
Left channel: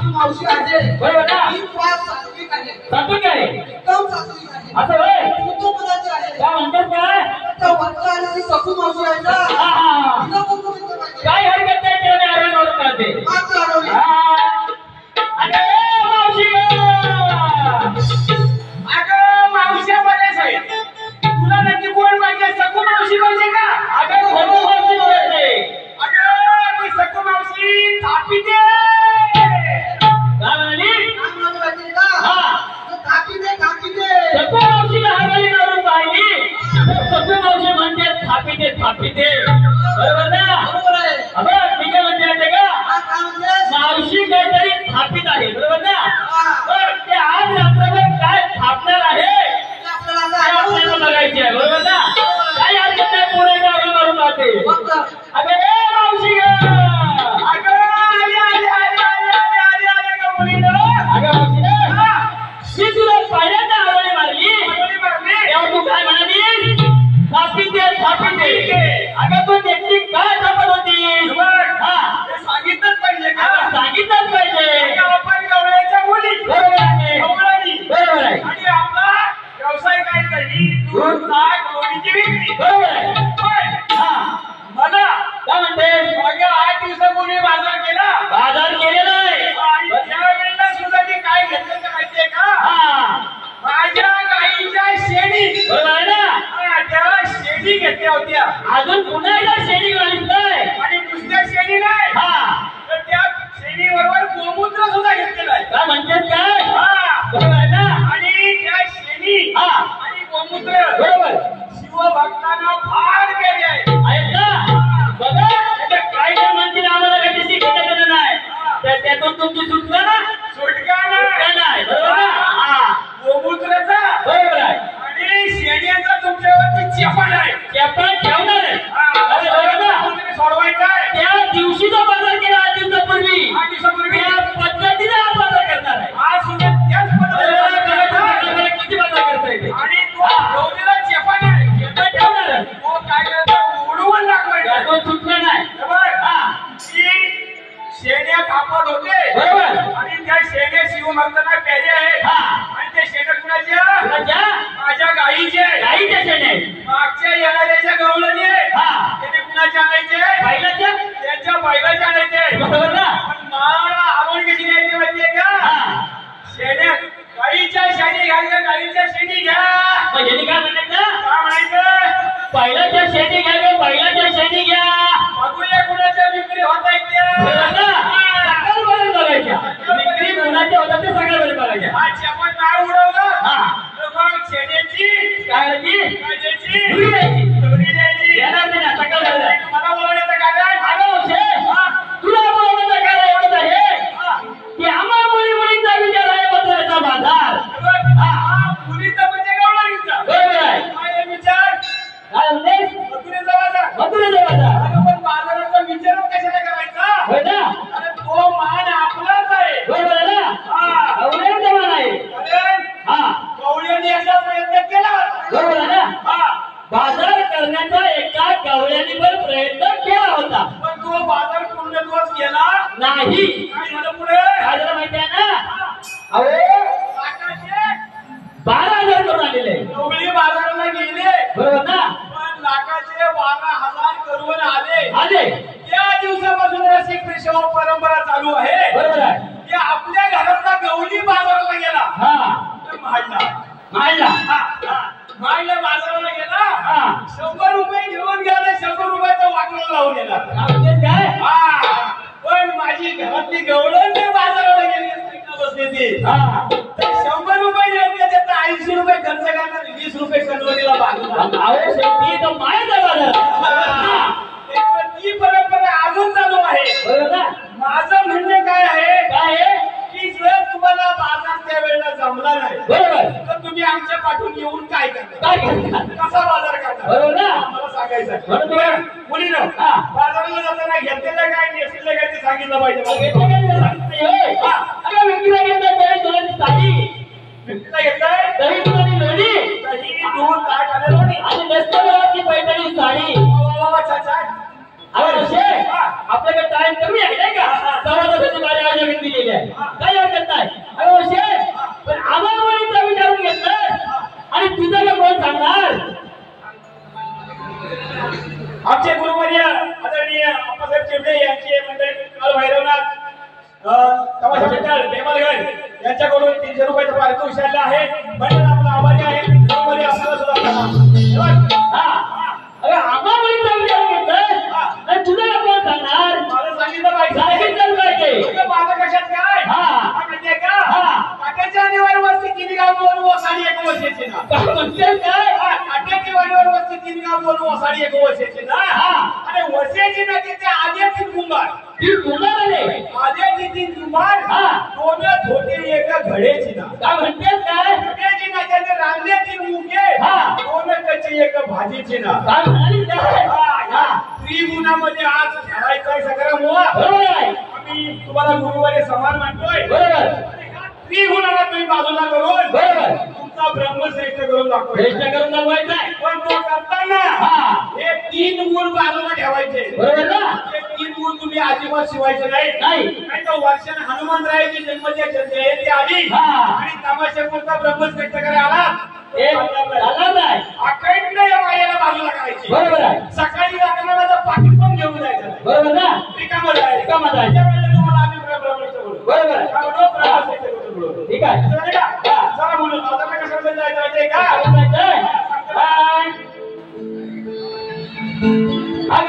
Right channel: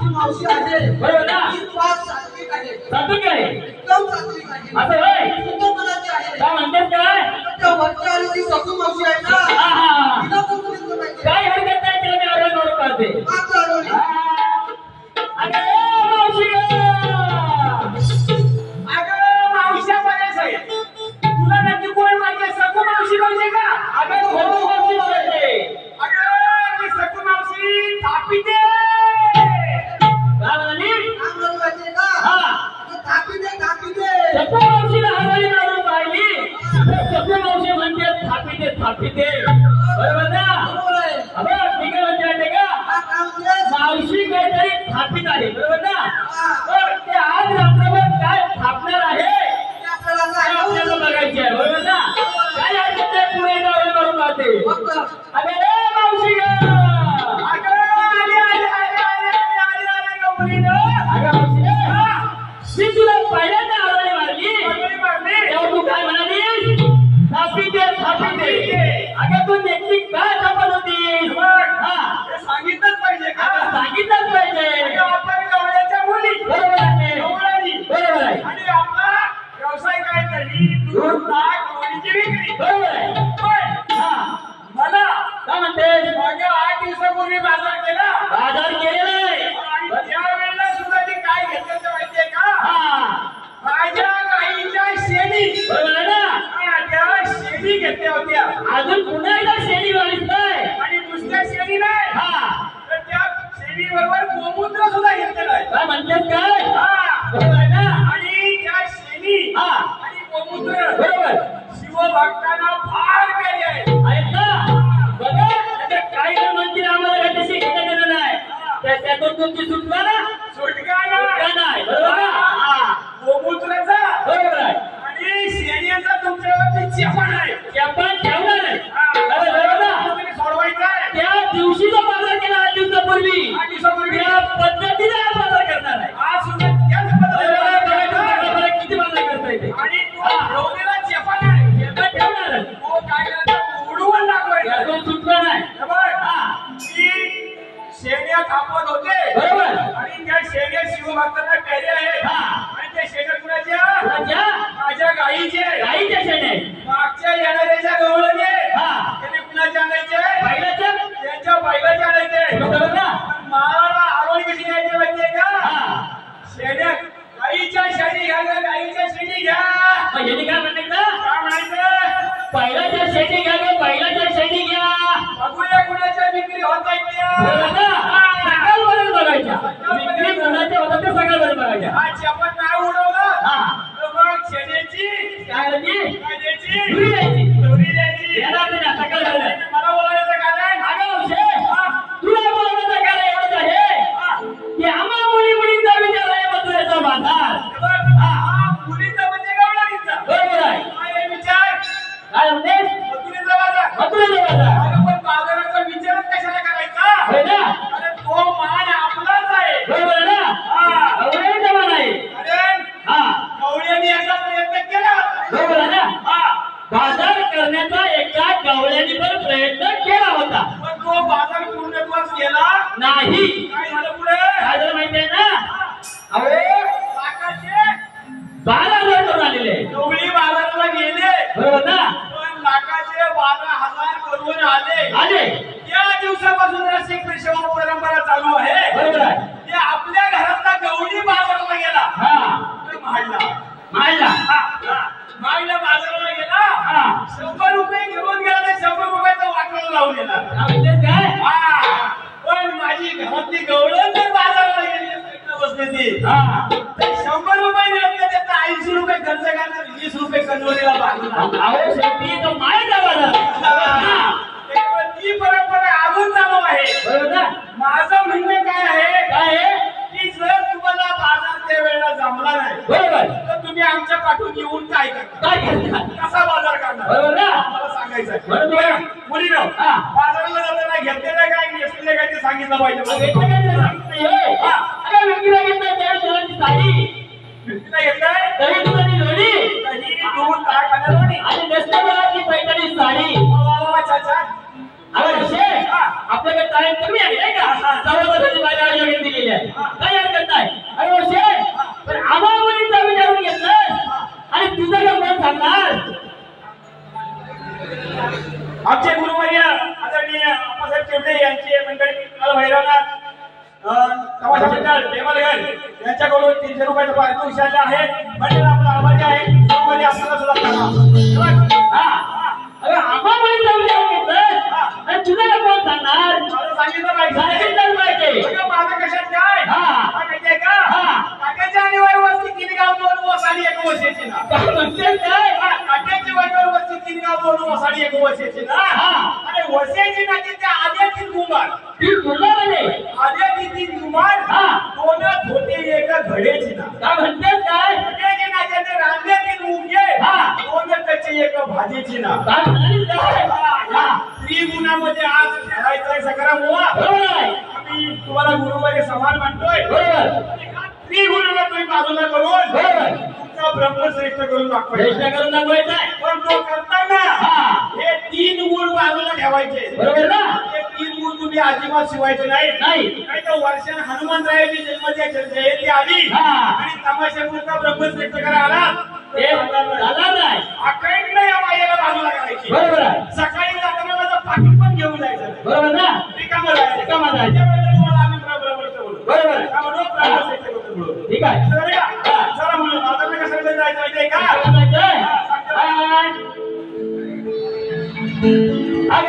ती मावशी आहे बरोबर ना. सात्विक आहे. सात्विक आहे एकदम सात्विक आहे. असं होय. शुद्धपणाची आहे. काय म्हणतेस काय त्या वरच्या आली ती सकू मावशी आहे ना. तिला पण कोणी पाहिजे. काय हरकत नाही तिला मी आरोग्यावर करते. मात्र हरवली. अगं मावशी अगं मावश्या बऱ्याच आहेत. तुला नक्की कोण पाहिजे सकू मावशी पाहिजे का. अगं भरपूर मावशी पाहिजे. अगं ती सकू मावशी थापीते. काय म्हणाली आम्हाला पाहिजे का. हा कापी दे कापी दे. सखू मावशीला हरवली मारून पाहिली तर सखू मावशी म्हणते थापीते. बरोबर ना. बरोबर आहे. अगं मी काय म्हणते का हा काय म्हणतेस? मावशी काहीतरी थापीत आहे. बरोबर ना. हा. तर ते आज रात्रभर काय थापणार आहे ते आपल्याला आता काय आपल्याला आठवलं. बघायचे आहे. बरोबर ना. काय हरकत नाही पुढे गावी मारून राहते. फक्त अगं ए मावशी गं. अगं आले गवळीनं. अगं मावशी मी तुला पहिल्यांदा हरवली मारली तेव्हा तू काय म्हणालीस थापीते. अगं तू नेमकी काय थापत होतीस. सांगितलंच पाहिजे का. सांगितलंच पाहिजे. आपण गवळ्याच्या मुली बरोबर आहे. गवळणी बरोबर आहे. आणि आपला व्यवसाय काय करणी दूध ताक लोणीची विक्री. बरोबर आहे. पण हा मला काय म्हणतेस मागे 8 दिवसापूर्वी बाजार केला बाजार केलेला आहे. आणि त्यावेळेला सुद्धा मी काय घेतलं तर माहितीये का. हा माझ्या गाईच्या शेणी. बरोबर आहे ना. त्या शेणी घेतल्या होत्या अजून पुन्हा एकदा शेणी घालीसलाय. आणि नुसत्या शेणी नाही हा तर त्या शेणी बरोबर गोमूत्र सुद्धा घेतलेलं आहे. काय म्हणतेस काय हा. बरोबर आहे ना. आणि त्या शेणी हा आणि गोमूत्र बरोबर शिवभक्तांना फार प्यारी आहे. आहेत ना. बघा ते काही जण म्हणतील आम्हाला कशाशी घेणं देणं नाही त्यातून तुमची सुटका ना सुटका सुटका नाही. बरोबर ना. हा गोमूत्राचा बरोबर आहे. आणि शेण्याचा तुमच्यावरती चेपण आहे. आपण ठेवणार आहे. अरे बरोबर ना. तुम्ही सोडवायचा आहे. त्या दिवशीचा बाजार केला 8 दिवसापूर्वी 8 दिवसापूर्वी त्या पद्धतीने हा बाजार करणार आहे. आज सुद्धा त्याच पद्धतीने किती बाजार करता येते आणि तो ठेवलेला चेपण आहे. आपण ठेवणार आहे. तो काय करतो उडवून दाखवायचा. त्यातून सुटका नाही. शेण्या कापत होते बरोबर. आणि त्या शेण्या शिवभक्तांना प्यारे आहेत. आणि त्या शेण्या कुणाच्या माझ्या गाईचे गाईच्या शेण्या मागच्या येणाऱ्याच्या गवळणी हा त्यांनी कुणाच्या आणायचे बैलाच्या त्यांच्या बैलाच्या आणायचे. बरोबर ना. पण मला आवड कशी द्यायची माहितीये का. शेण्या गाईच्या शेणी घ्या गाईच्या शेणी घ्या. यांनी काय म्हणायचं काय माहिती बैलाच्या शेणी घ्या बैलाच्या शेणी घ्या. बघूया कुणाच्या विक्री होत आहेत बरोबर ना. सकाळपर्यंत बघायच्या विक्री कुणाच्या होतात ते सकाळपर्यंत बघायच्या. हा चेपण नाही उडवलं हा तर मग शेण्याची काय द्यायची काय द्यायची धुरी द्यायची. दोरी द्यायची. येणार नाही ना सकाळपर्यंत. मला बोलायचं कारण अगं तुला बोलवण्याचं कारण एवढंच आहे की आम्हा मुलींचा विचार आहे मथुरेचा बाजार. हा मुलीचा म्हणजे गवळणीचा. बरोबर आहे. काय विचार काय म्हणतेस मथुरेचा बाजार. मथुरेचा बाजार अगं पण बाजाराचा विचारच कशाला करायचा. होय ना. अरे तो मान आपलाच आहे. बरोबर आहे ना. हा गवळ्याचा मान आहे. अरे हा गवळ्यांनी याचा प्रयत्न केला होता. बरोबर आहे ना. हा बाजार करण्याचा एका गवळ्याने पण प्रयत्न केला होता पण तो बाजार पूर्णत्वास गेला नाही. काय झालं पुढे. काय झालं माहिती आहे ना. अरे काकाचे 12,000 करून आलेले गवळी बाजाराला झाले या दिवसापासून रसिक पेशवा परंपरा चालू आहे. बरोबर आहे. की आपल्या घरातला गवळी बाजाराला गेला. महाडला बाजाराला गेला. 100 रुपये घेऊन गेला. 100 रुपयाचा वाटला लावून गेला. पण माझी घरातली गवळण जर बाजाराला गेली बसली ती 100 रुपये घेतले त्याचा 80 रुपये खर्च करणार. 20 रुपये कन्वरीला बाजूला. ती परंपरा अजून चालू आहे. बरोबर ना. माझं म्हणणं काय आहे की जर तुम्हाला बाजार त्या वेळेला जमला नाही बरोबर तर तुम्ही आमच्या पाठून येऊन काय करणार कसा बाजार करणार बरोबर ना. मला सांगायचं मुलीनो बाजाराला जाताना घेतलेलं काय नेसलेलं काय ते सांगितलं पाहिजे. व्यक्तीला घेतलंय दही दुधाची लोणी दही दूध ताक आणि लोणी आणि नेसलेली पैठणी साडी. आपल्याकडे टाइम कमी आहे नाही का. 1:15 माझ्या आयोजन दिलेली आहे. काही हरकत नाही. अरे पण आम्हाला मुलीचा विचारून घेतलं आणि तुझं का कोण सांगणार. आमचे गुरुवर्य आदरणीय अप्पासाहेब चिमटे यांची मंडळी काल भैरवनाथ तमाशा मंडळ बेमलगड यांच्याकडून 300 रुपयाचं पारितोषिक उचललं आहे. मंडळ आपला आभारी आहे. गुरुवर्य आपल्याला सुद्धा करा. अरे आम्हाला मुलीचा विचारून घेतलं आणि तुझं का कोण सांगणार. मला सांगितलं पाहिजे. माझं कशात काय माहितीये का काट्याच्या आणीवर वस्ती 3 गाव 2 वसाडी 1 वर्षाची ना. काट्याची वाणीवर वस्ती 3 गाव 2 वसाडी 1 वर्षाची ना. आणि वर्षाची ना ते आधी 3 कुंभार आधी 3 कुंभार 2 धोटे 1 घडेची ना. काय म्हणतेस काय. घडेची ना त्याने रांधले 3 मुगे 2 कच्चे 1 भाजीची ना. त्रिगुणामध्ये आज खेळायचा सगळा मोहा. आम्ही तुम्हाला गुरुवारी समान मानतोय. त्रिगुणाला तुम्ही बाजूला करून तुमचा ब्रह्मश्रेष्ठ करून दाखवायचा. पण तो करताना हे 3 गुण बाजूला ठेवायचे. बरोबर ना. हे 3 गुण तुम्ही अजिबात शिवायचे नाही. नाही तर वर्षाने हनुमंतरायाची जयंती आली आणि तमाशापुरता ब्रह्मश्रेष्ठ करा आला अखंड या मायेला बाजूला करायची. बरोबर आहे. सकाळी जाताना पाकिट पण घेऊन जायचं. बरोबर ना. रिकामं जायचं. तुम्हाला आम्ही ब्रह्मश्रेष्ठ बोलू. बरोबर ठीक आहे. चला मुलं बाजारला कशाला जायचं माहितीये का.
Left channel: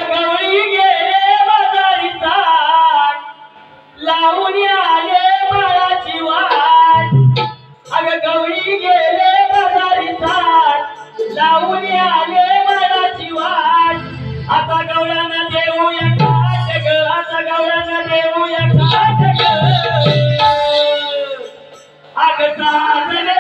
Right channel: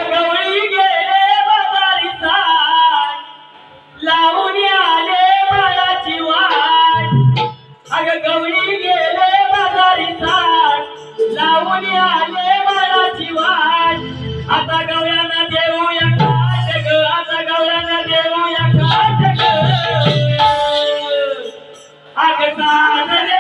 गवळी गेले बाजारी ताट लावून आले बाळाची वाट. गवळी गेले बाजारी ताट लावून आले बाळाची वाट. आता गवळ्यांना देऊया काट ग. आता गवळ्यांना देऊया काट ग. साजरे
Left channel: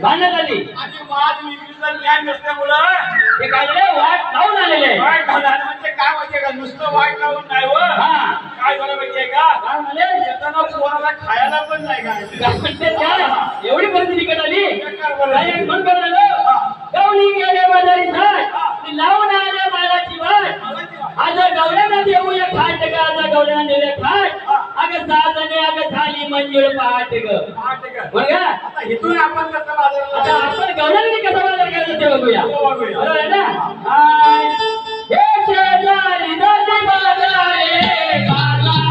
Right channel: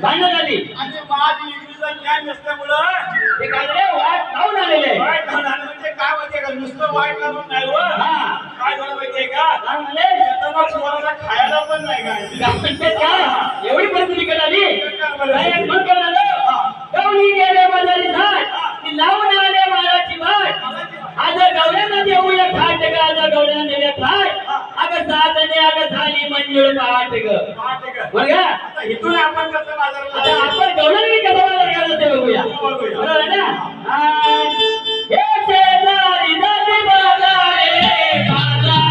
भांडण झाली आणि वाद विक्रीचं ज्ञान नसल्यामुळं ते काय झालं वाट लावून आलेले वाट लावून म्हणजे काय माहितीये का नुसतं वाट लावून नाही हो काय झालं माहितीये का? काय म्हणाले? येताना कोणाला खायला पण नाही काय म्हणजे काय एवढी परिस्थिती कळाली बरं. काय एक म्हण कळालं गवळी गेले बाजारी झाड ती लावून आले मालाची भाट आज गवळ्यांना देऊया खाट ग आज गवळ्यांना देऊया खाट अगं साधने अगं झाली मंजूळ पाठ ग पहाटे का? बरं का आता इथून आपण कसं आता बाजाराला आपण गवळ्यांनी कसा बाजार करायचा ते बघूया बघूया. बरोबर आहे ना हे शेजारी जाती बाजारे बाजारे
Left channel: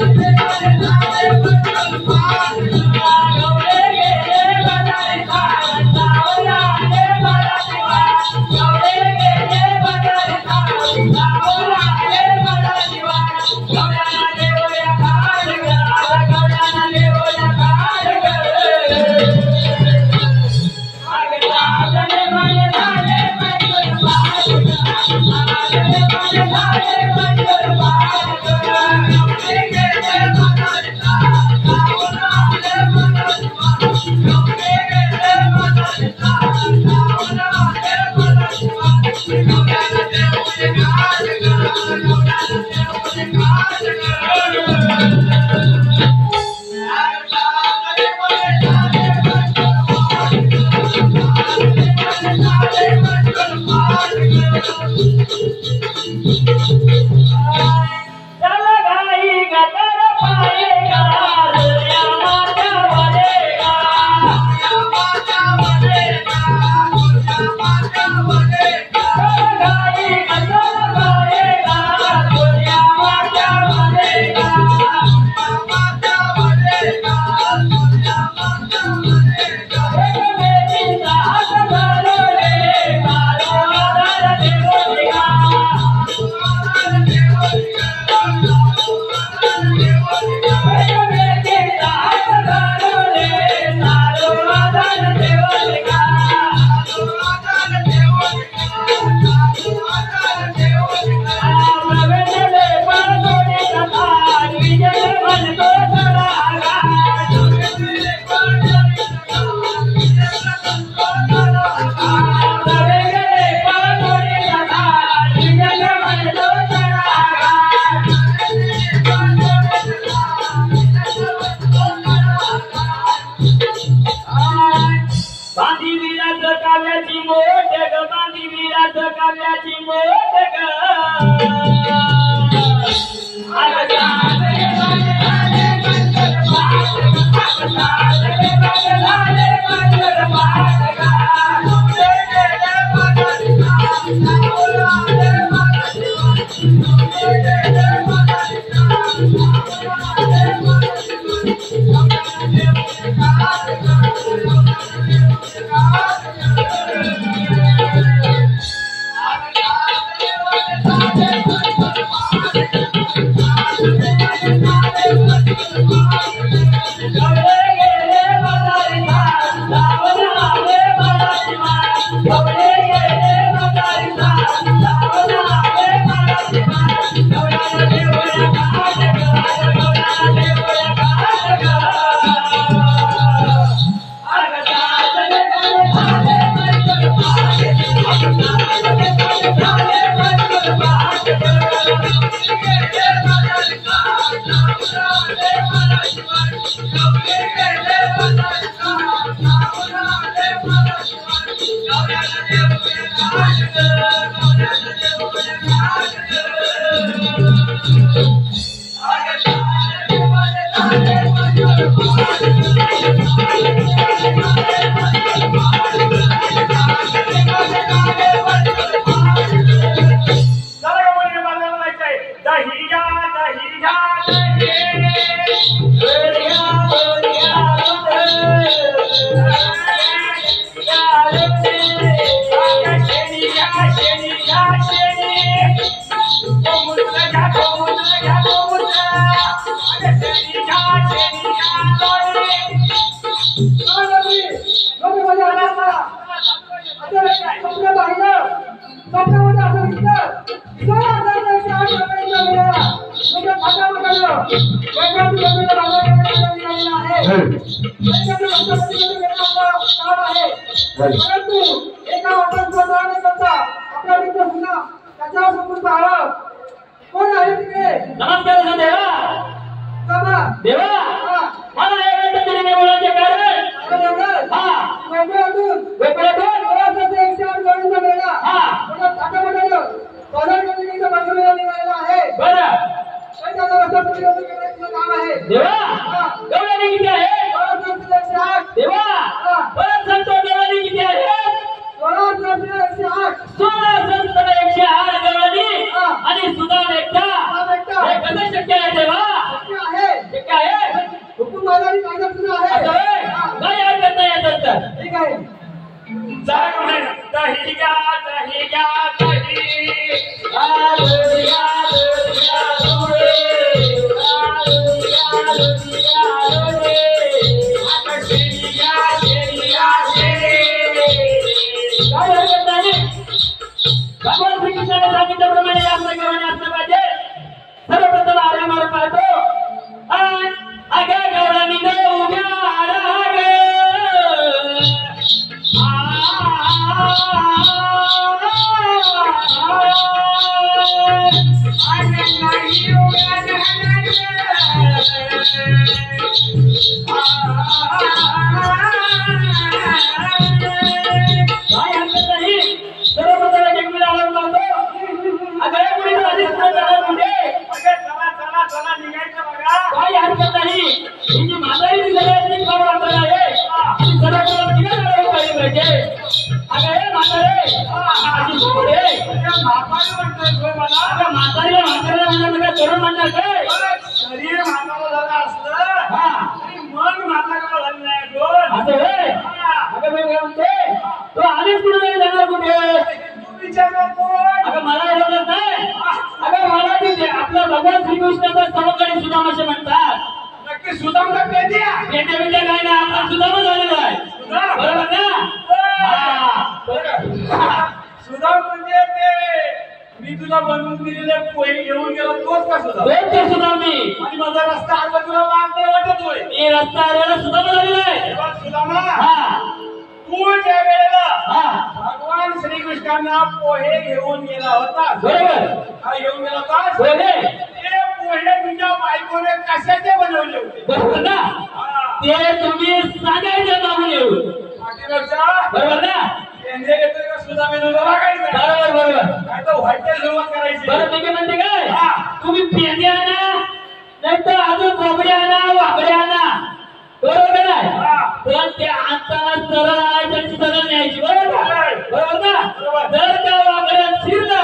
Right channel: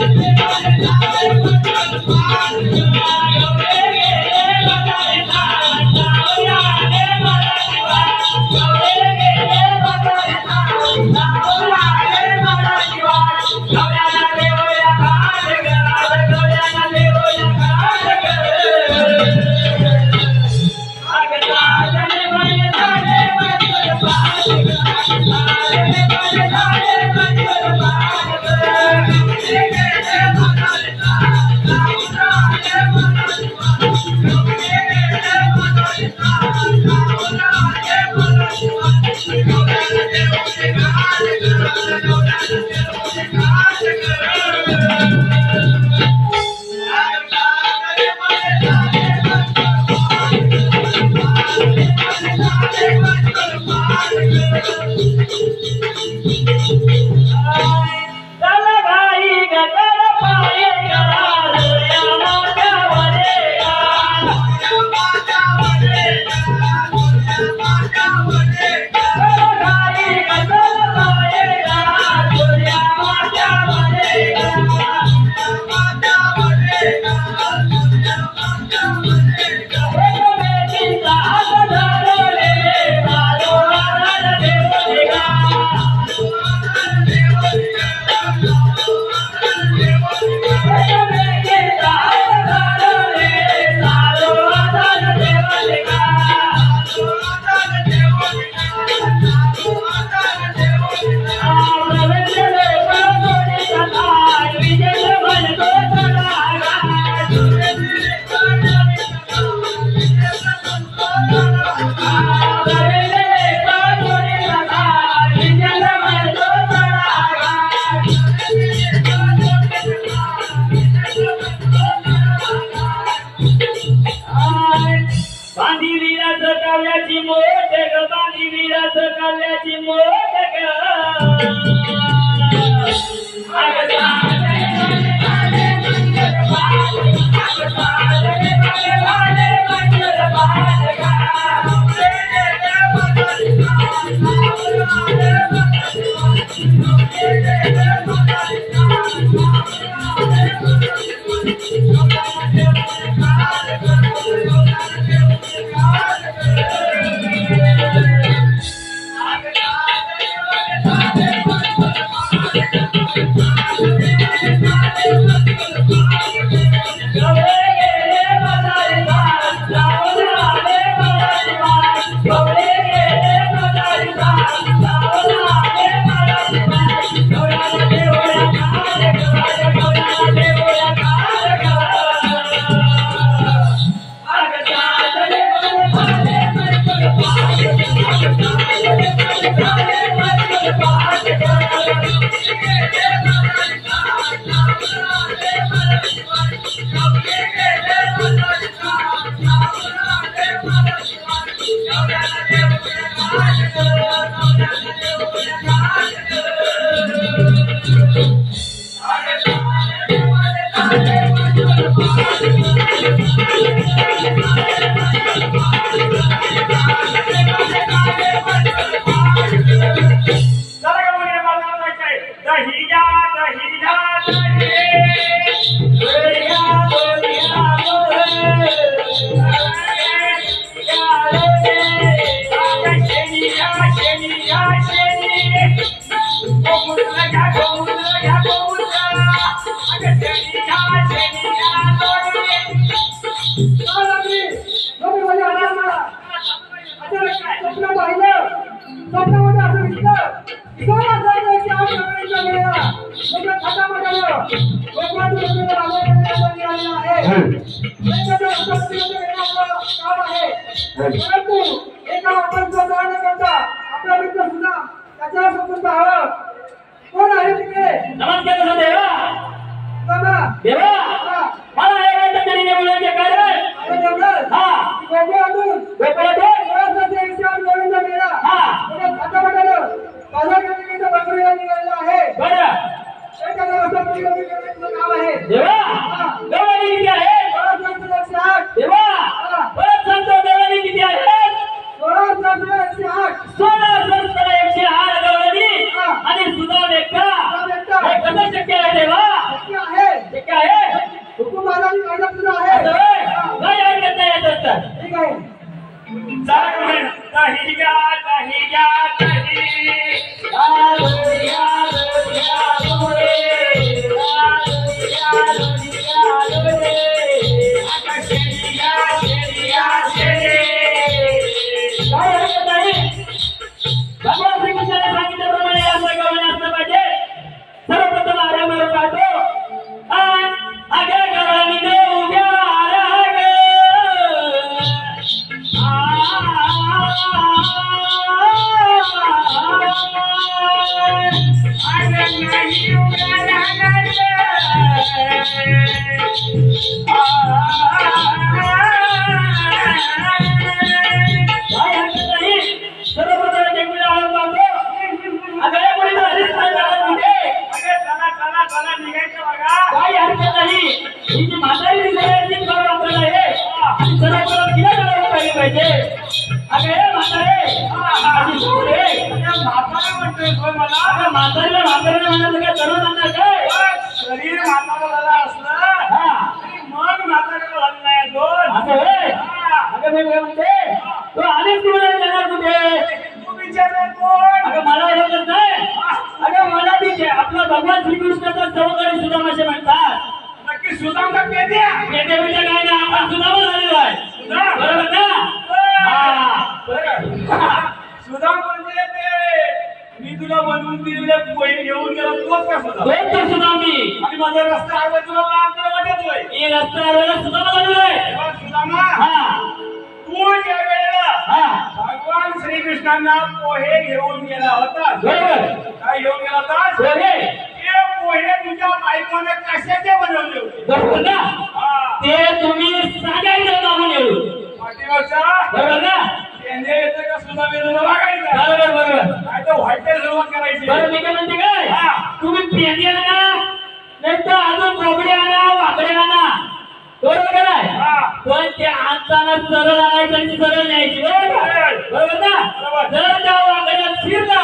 Thank you. काल्याची मोदक भगवान श्रीकृष्णाचा सवकडी सुदामाचे म्हणतात. नक्की सुदाम का पेद्या पेद्या काय ना आपण सुदामा झालेलो आहे. बरोबर ना? सुदाम म्हणजे ते मी तुला बनवून दिलेले पोहे घेऊन गेलो तोच का सुदाम? तोच सुदाम मी. आणि माझा रस्ता आडवा तुला वाटतोय. मी रस्ता आडव्याला सुदामा झालेलो आहे. सुदामा हा तू ज्या वेळेला भगवान श्रीकृष्णांना पोहे घेऊन गेला होता. बरोबर. काय घेऊन गेला होता? पोहे. ते पोहे तुझ्या बायकोने कशाचे बनवले होते? बरोबर ना? ते तुम्ही सांगायचं मागून येऊ. पाठीमागचा बरोबर ना? येते का सुद्धा मी तुला बघायचं. बरोबर व्हायला सुरुवात करायची. बरं मी काय म्हणते काय हा. तुम्ही पेंडी आणा नाही तर अजून कोबडी आणा वाकडे आणा बरोबर आहे हा. पण ते आणताना सरळ आणायचं आणि सरळ न्यायची बरोबर का? बरोबर ना बरोबर. जर त्या वाकड्यात शिरला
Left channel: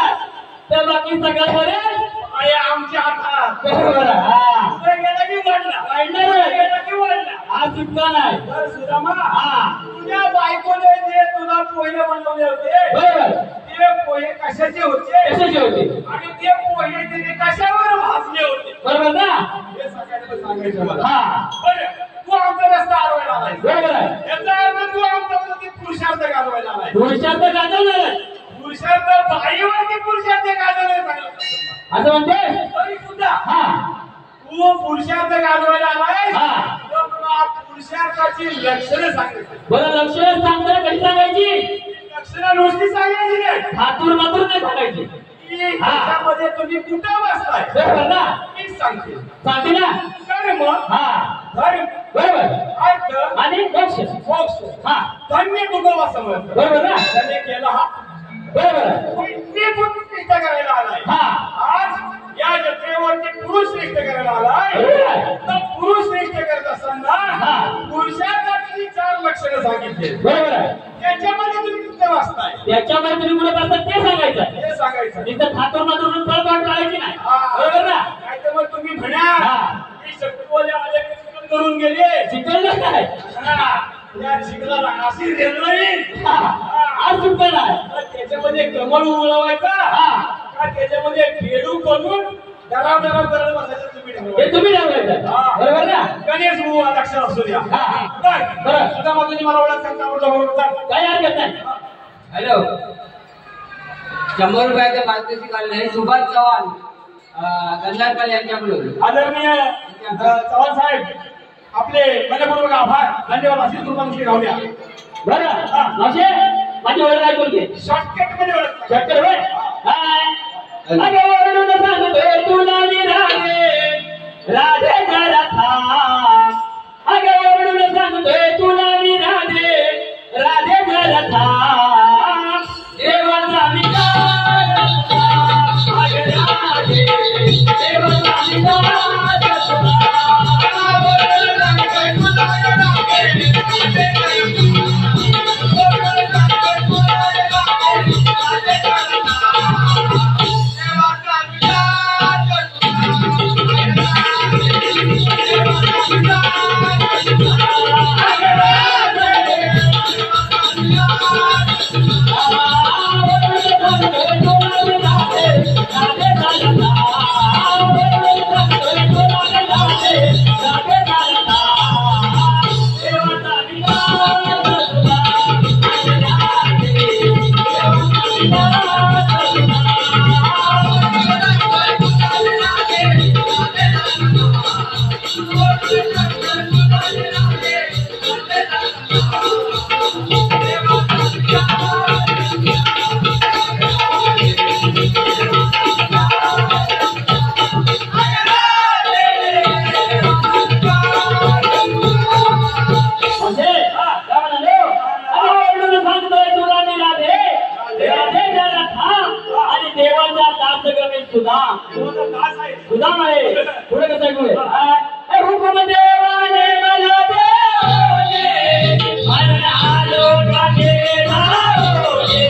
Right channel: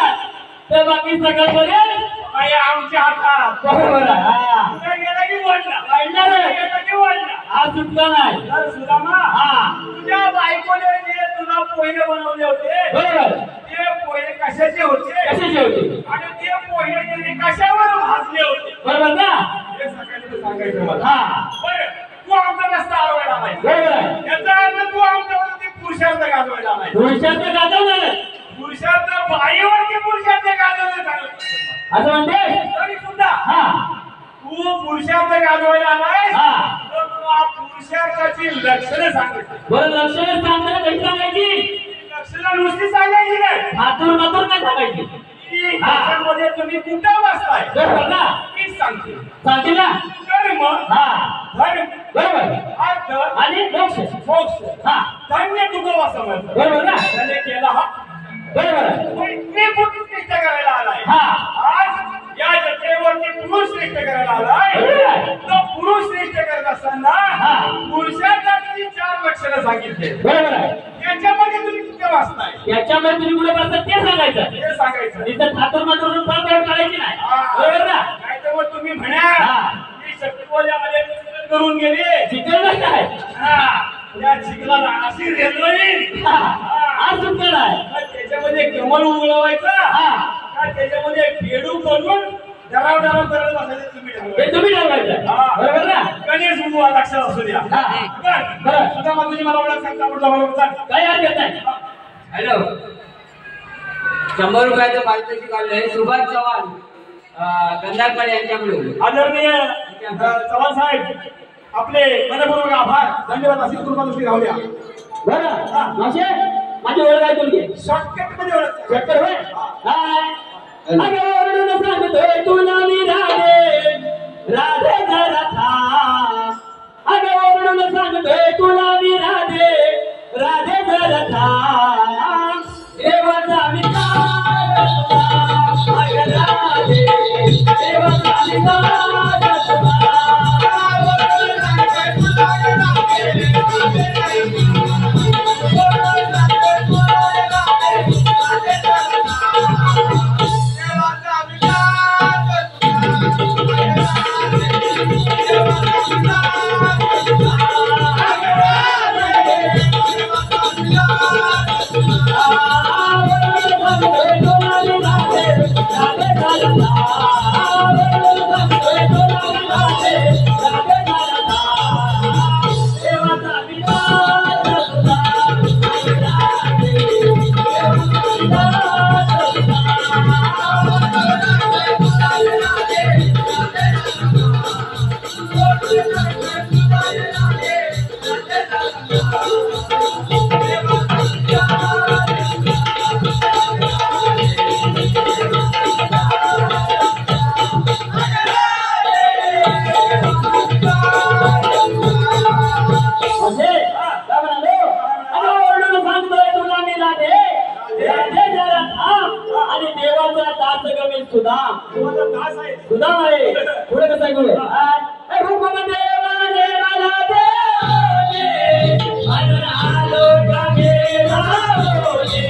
तर बाकी सगळं बरेच आणि आमच्या हातात बरोबर आहे. हा. पुढे गेला की वळला. वाढणार पुढे आहे. गेला की वळला. हा सुटका नाही तर सुदामा, हा तुझ्या बायकोने जे तुला पोहे बनवले होते बरोबर ते पोहे कशाचे होते कशाची होती आणि ते पोहे तिने कशावर भाजले होते बरोबर ना हे सगळ्यांना सांगायचं मला. हा बरं, तू आमचा रस्ता अडवायला आलाय. बरोबर आहे याचा अर्थ तू आमच्यावरती पुरुषार्थ गाजवायला आलाय. पुरुषार्थ गाजवणार पुरुषार्थ बाईवरती पुरुषार्थ गाजवलं चांगलं. असं म्हणते तरी सुद्धा हा तू पुरुषार्थ गाजवायला आलाय हा तर तुला पुरुषार्थाची लक्षणं सांगायची. बरं लक्षण सांगताना कशी सांगायची लक्षणं नुसती सांगायची नाही. हातून मातून नाही सांगायची की त्याच्यामध्ये तुम्ही कुठं बसताय बरोबर ना मी सांगते. सांगते ना धर्म, हा धर्म, बरोबर अर्थ, आणि मोक्ष मोक्ष. हा धन्य कुटुंब समजतं. बरोबर ना त्याने केला हा. बरोबर आहे. मी पुरुष श्रेष्ठ करायला आलाय. हा आज या जत्रेवरती पुरुष श्रेष्ठ करायला आलाय. बरोबर आहे. तर पुरुष श्रेष्ठ करत असताना हा. पुरुषार्थाची 4 लक्षणं सांगितले. बरोबर आहे त्याच्यामध्ये तुम्ही कुठं वाचताय याच्यामध्ये तुम्ही कुठे बसतात ते सांगायचं हे सांगायचं. इथं ठाकूर मातूर फळफळ काढायची नाही बरोबर ना नाहीतर मग तुम्ही म्हणा हा. की शक्तीवाले आले चिकन करून गेले. चिकन काय हा. या चिकनाला अशी रेलवली. आज सुटका नाही त्याच्यामध्ये कमळ उगळवायचा हा का त्याच्यामध्ये पेडू बनवून डराव करत बसायचं तुम्ही हे तुम्ही ठरवायचं हा. बरोबर ना गणेश बुवा लक्षात असू द्या. हा. बरं सुद्धा मग तुझी मला ओळख सांगता बरोबर चाल. काही हरकत नाही हॅलो 100 रुपयाचं पारितोषिक आलेलं आहे सुभाष चव्हाण कंधारकर यांच्याकडून. आदरणीय चव्हाण साहेब आपले मनपूर्वक आभार धन्यवाद. अशीच कृपा नुसती राहू द्या. बरं मावशे माझी ओळख ऐकून घे शॉर्टकट मध्ये ओळख शक्कर होय अगं ओरडून सांगतोय तुला मी राधे राधे जरा थांब अगं ओरडून सांगतोय तुला मी राधे राधे जरा थांब देवाचा मी अगं राधे देवाचा मी सुदाम सुदाम आहे पुढे कसं आहे हुकुम देवाने मला देवले मला आलो कागे लावले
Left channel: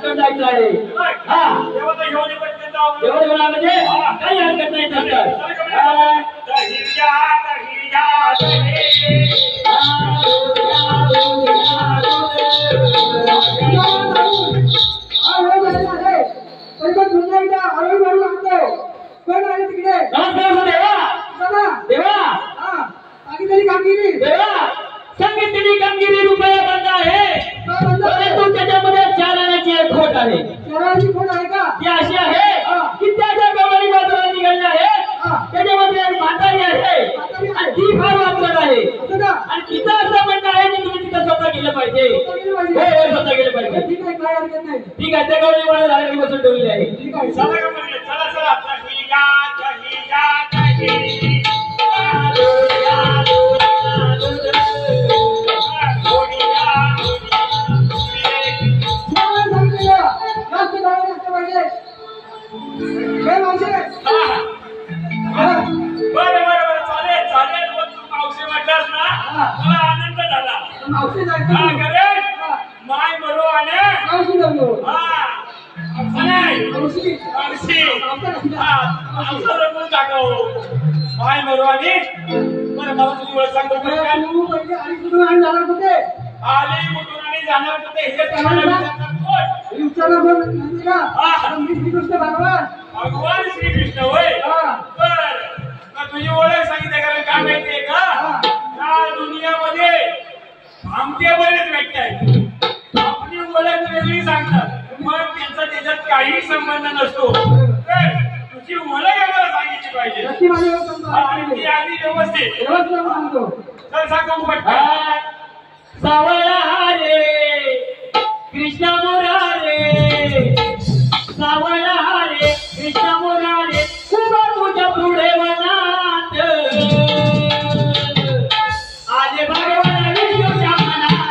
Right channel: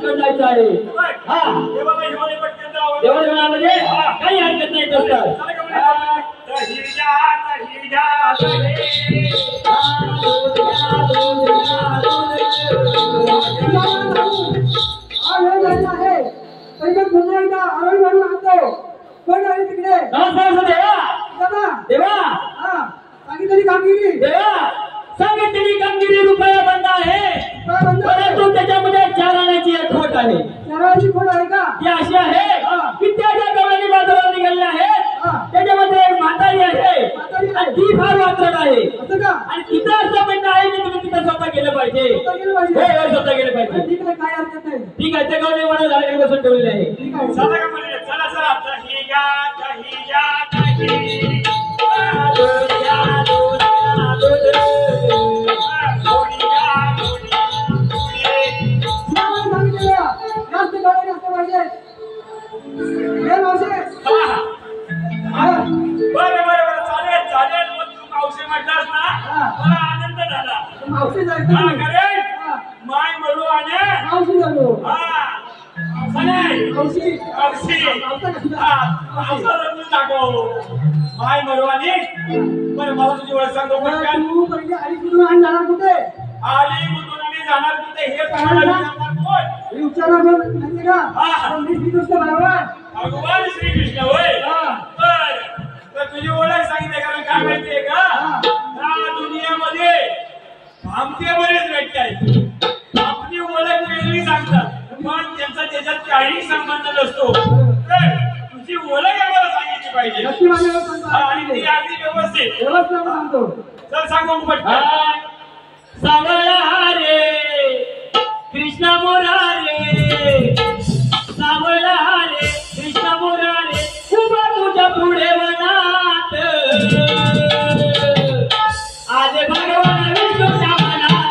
पटकन जायचं आहे. हा देवाला घेऊन ये पटकन जाऊ. जेवण जेवण म्हणजे काही हरकत नाही तसं. दही जा दही. नमस्कार देवा. देवा सांगितलेली कामगिरी रुपया बंद आहे, परंतु त्याच्यामध्ये 4 आण्याची एक खोट आहे. ती अशी आहे की त्या ज्या गवळणी बाजारात निघाल्या आहेत त्याच्यामध्ये एक म्हातारी आहे आणि ती फार वात्रट आहे. आणि तिचं असं म्हणणं आहे की तुम्ही तिथं स्वतः गेलं पाहिजे. हो स्वतः गेलं पाहिजे. ठीक आहे. त्या गवळणी बाजार झालेली बसून ठेवलेली आहे. चला का म्हणजे चला चला दही जा दही. बरं चालेल चालेल. मग तू मावशी म्हटलास ना मला आनंद झाला. करेल माय मरो आणि माय मरो आणि बरं मला तुझी ओळख सांगतो. आली कुठून आणि जाणार कुठे हे भगवान श्रीकृष्ण होय. बर तुझी ओळख सांगितली कारण काय माहितीये का या दुनियामध्ये आमचे बरेच व्यक्ती आहेत. आपली ओळख वेगळी सांगतात पण त्यांचा त्याच्यात काही संबंध नसतो. तुझी ओळख आम्हाला सांगितली पाहिजे आणि ती अगदी व्यवस्थित. चल सांगतो पटकन. सावळा रे कृष्णा मोरारे, सावळा रे कृष्णा मोरारे, उभा तुझ्या पुढे वनात आले भगवान विष्णूच्या मनात.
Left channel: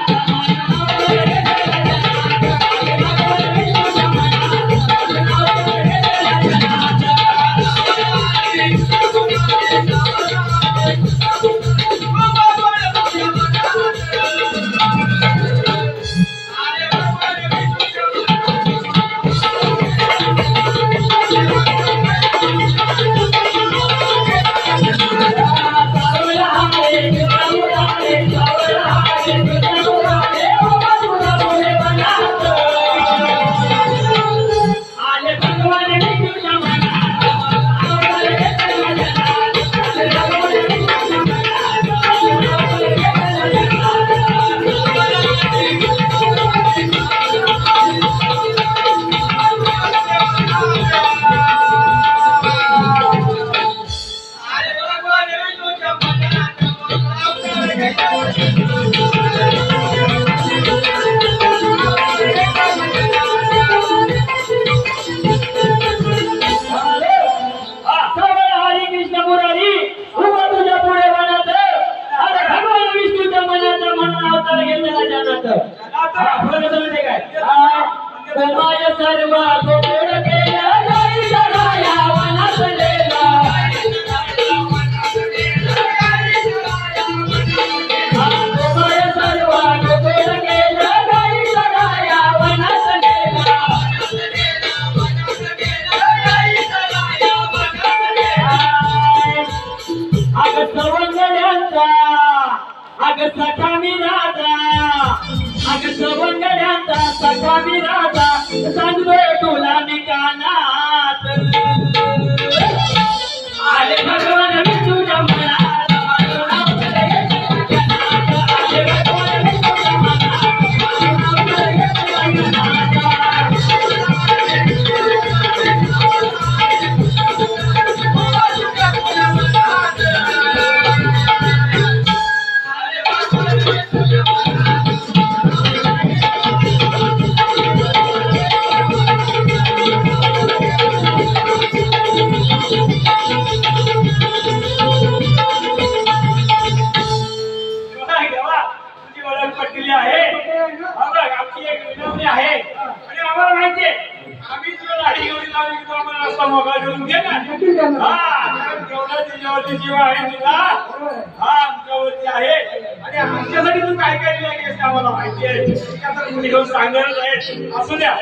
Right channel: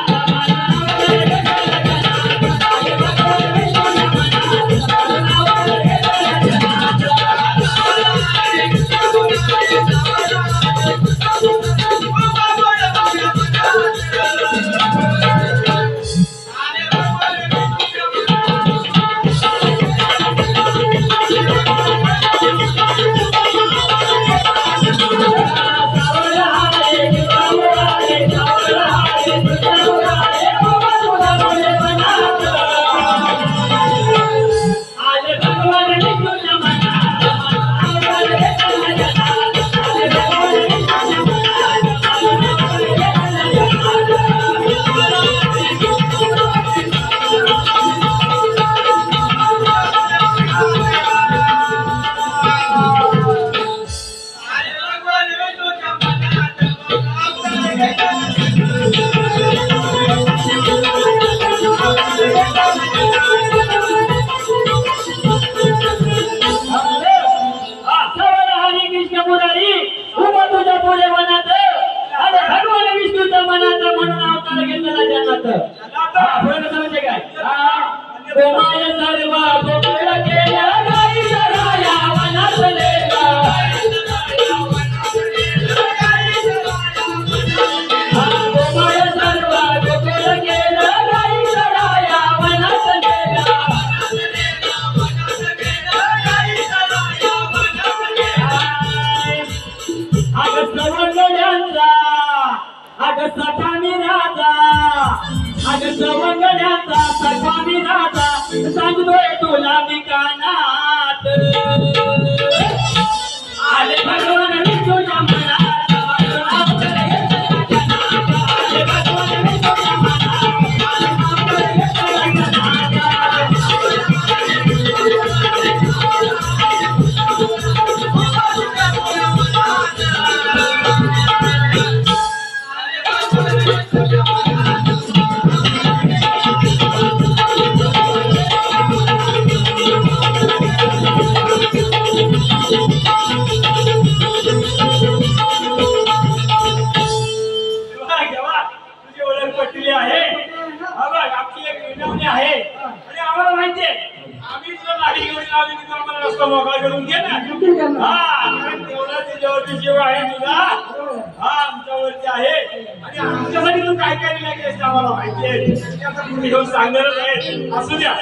आमच्यासाठी तू काय काय लिहिलं आम्हाला माहिती आहे. सांगणारच आहे. असू द्या.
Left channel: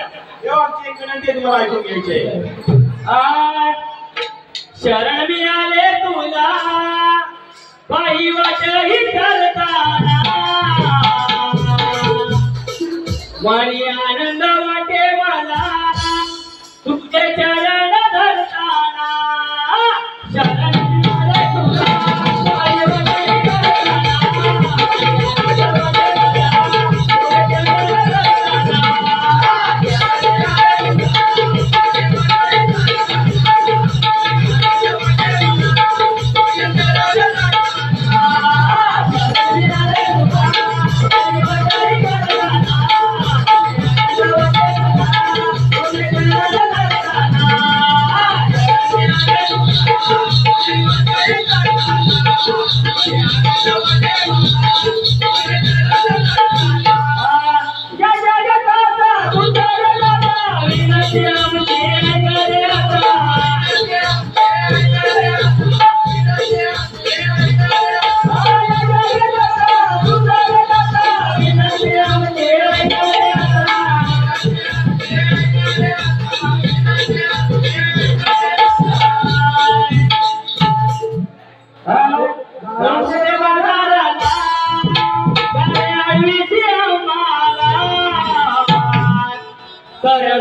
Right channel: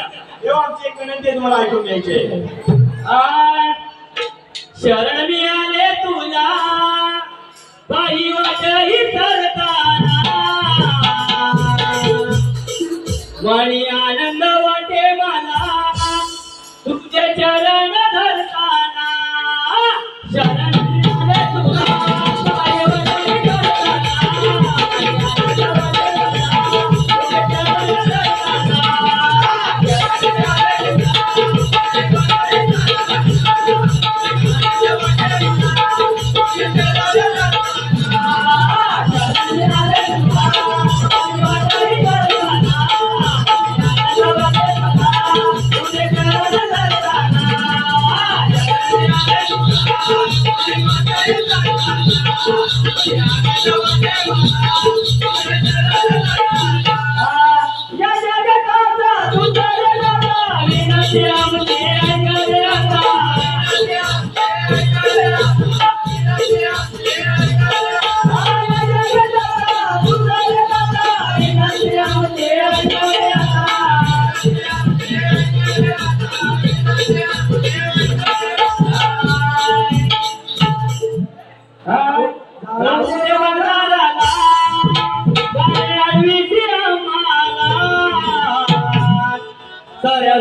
तेव्हा आमची एक विनंती आहे तुम्हाला ऐकून घ्यायची आहे. शरण मी आले तुला काही वाटही करताना वाणी आनंद वाटे मला तुझे चरण धरताना शरण मी आले तुला काही वाटही करताना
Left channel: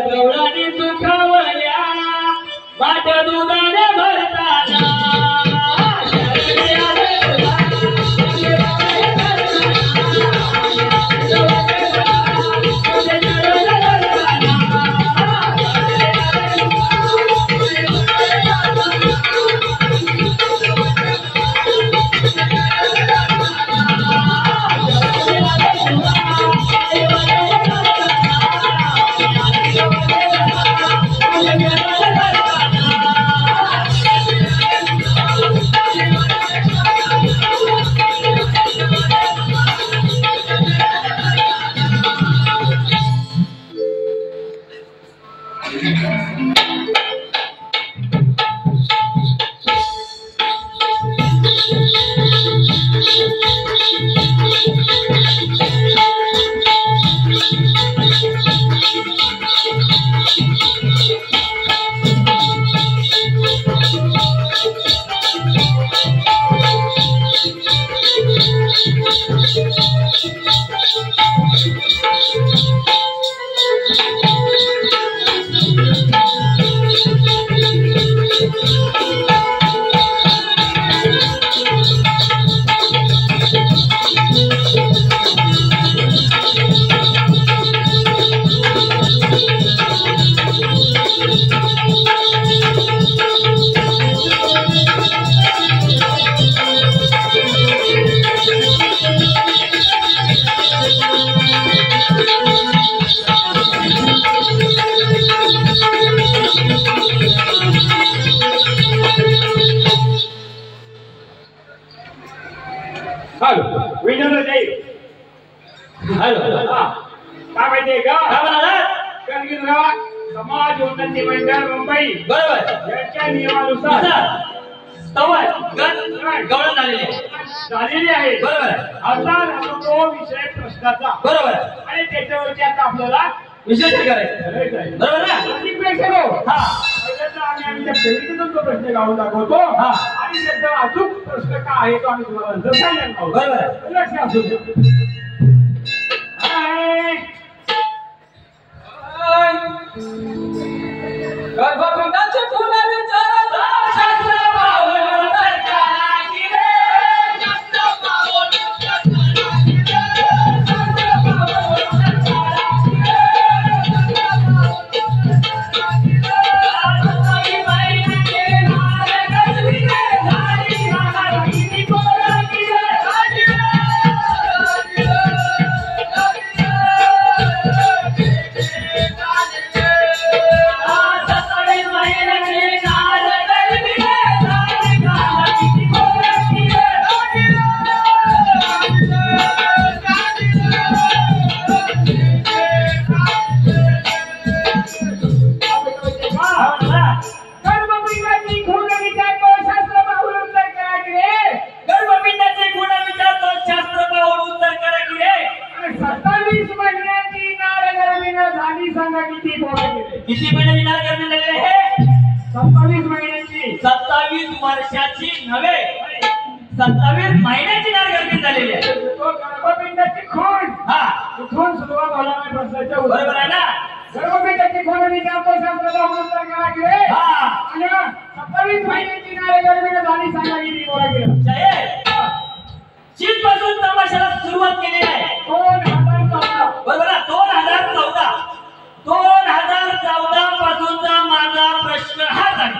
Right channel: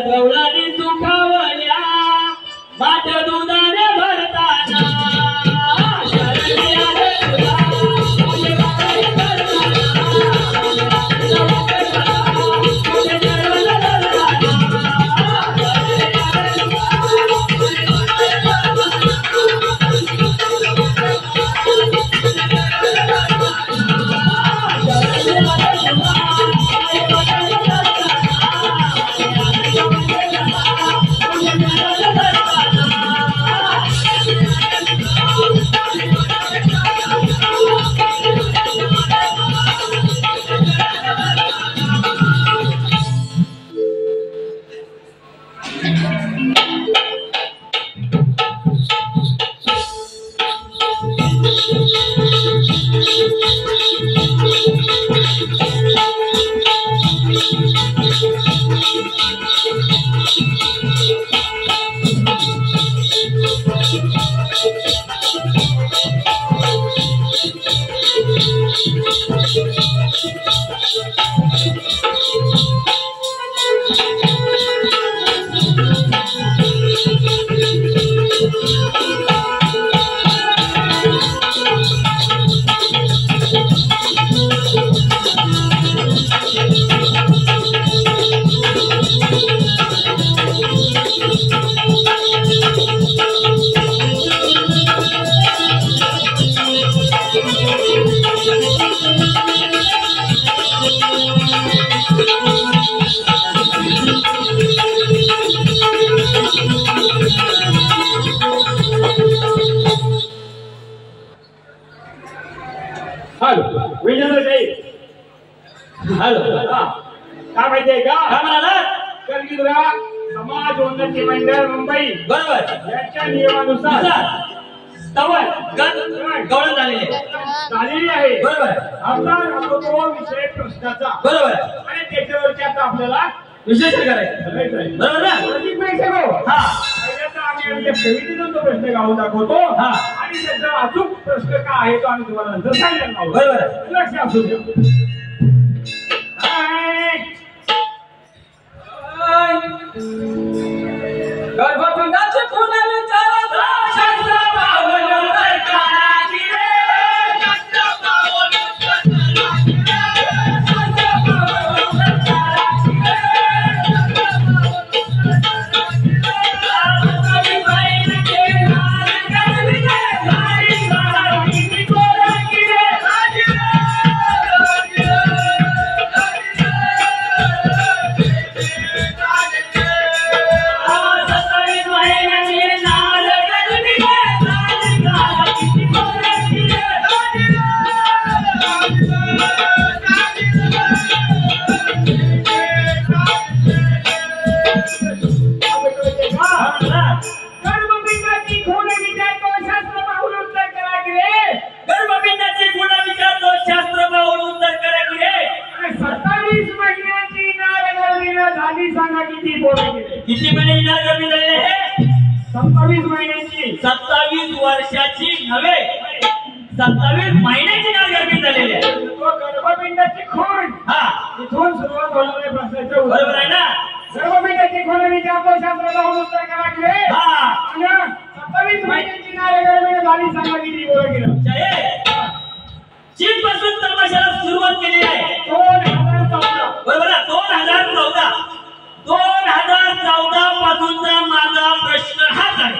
गवळणी सुखावल्या बाट दुधाने भरताना शरणी आले काय माहितीये का समाज उन्नती मंडळ मुंबई बरोबर यांच्या नियमानुसार गवळण झालेली आहे बरोबर. आता जातो तो विषय प्रश्नाचा बरोबर आणि त्याच्यावरती आता आपल्याला विशेष करायचं बरोबर ना. अधिक प्रेक्षक हो. आम्ही आमच्या कवितेतून तो प्रश्न गाऊन दाखवतो आणि त्याचा अचूक प्रश्न काय आहे तो आम्ही तुम्हाला नंतर सांगणार आहोत. बरोबर लक्ष असू द्या. गर्भपंडाचे फुलाने चारा शास्त्र पावलं सरकाराची रे शास्त्र पावलं सरकाराची रे शास्त्र पावलं सरकाराची रे सरकाराची बाई के नार कसबी रे भाई भाई की कोरा की रे किती महिने इनार गर्मी झालेली आहे? 27 महिन्यांची. 27 वर्षाची नव्हे, 27 महिन्याची इनार गर्मी झालेली आहे. तो गर्भपिंडाची खूण. हा, इथून सुरुवात होणार आहे प्रश्नाच्या बरोबर आहे ना? गर्भपिंडाची खूण आणि शास्त्राचा उत्तर करा की रे. हा, आणि 27 महिन्यांची इनार गर्मी झाली, सांगा किती बोला गेलं. चीन पासून तमाशाला सुरुवात केली आहे 2014. बरोबर आहे? 2014 पासूनचा माझा प्रश्न हाच आहे.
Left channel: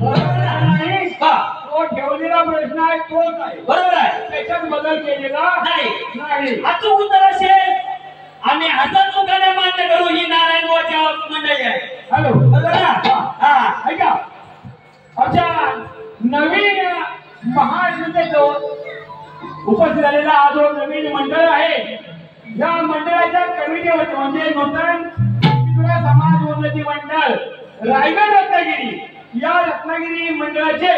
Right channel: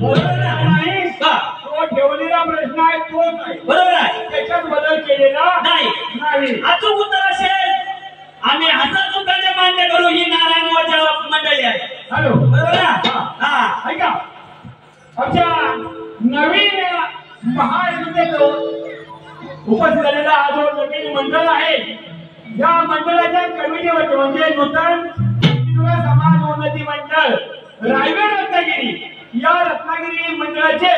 बरोबर आहे. हा, तो ठेवलेला प्रश्न आहे तोच आहे. बरोबर आहे? त्याच्यात बदल केलेला नाही. नाही. अचूक उत्तर असेल आम्ही हसतमुखाने मान्य करू, ही नारायणवाच्या मंडळी आहे. हॅलो. बरोबर आहे? हा, ऐका, आमच्या नवीन महायुद्धेचं उपस्थित झालेला हा जो नवीन मंडळ आहे, या मंडळाच्या कमिटीवरती म्हणजे नूतन हिंदू समाज उन्नती मंडळ रायगड रत्नागिरी, या रत्नागिरी मंडळाचे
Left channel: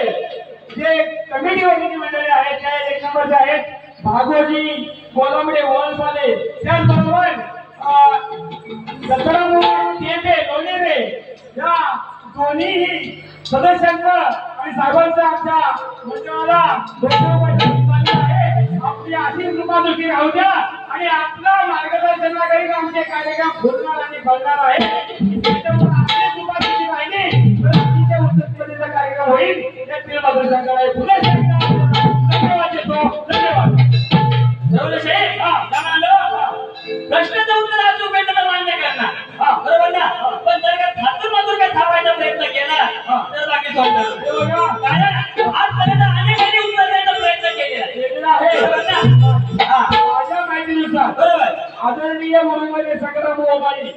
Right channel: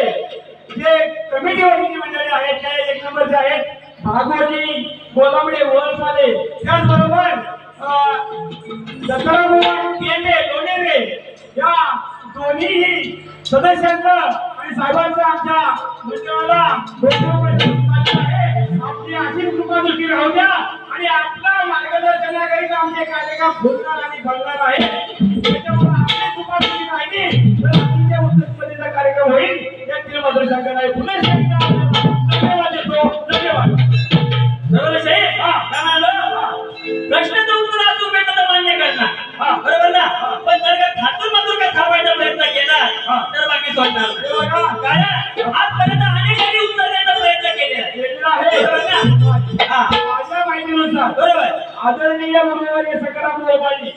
जे कमिटीवरती मंडळी आहेत त्या 1 नंबरचे आहेत भागोजी गोलामडे वळसाले, त्याचबरोबर दत्तरामोहन केंबे लोणेरे, या दोन्ही सदस्यांचं आणि साहेबांचं आमच्या मंडळाला आहे. आपली अशीच कृपादृष्टी राहू द्या आणि आपलं मार्गदर्शनाखाली आमचे कार्यक्रम फुलणार आणि फळणार आहे. त्याच्यामुळे आपली कृपादृष्टी राहिली तर आमच्या उत्तर कार्यक्रम होईल. या कृपादृष्टी करायला पुन्हा धन्यवाद देतो. धन्यवाद. बरोबर साहेब? काय म्हणालो? प्रश्नाचं उत्तर अचूक भेटलं तर मान्य करणार. बरोबर ना? पण जर का थातून मातून काय थांबायचा प्रयत्न केला तर बाकी सोडणार. कारण आजपर्यंत अनेकांनी उत्तर द्यायचा प्रयत्न केलेला आहे. बरोबर ना? माझ्या माहितीनुसार बरोबर. आदरणीय गुरुवारी सकाराम बाबाजी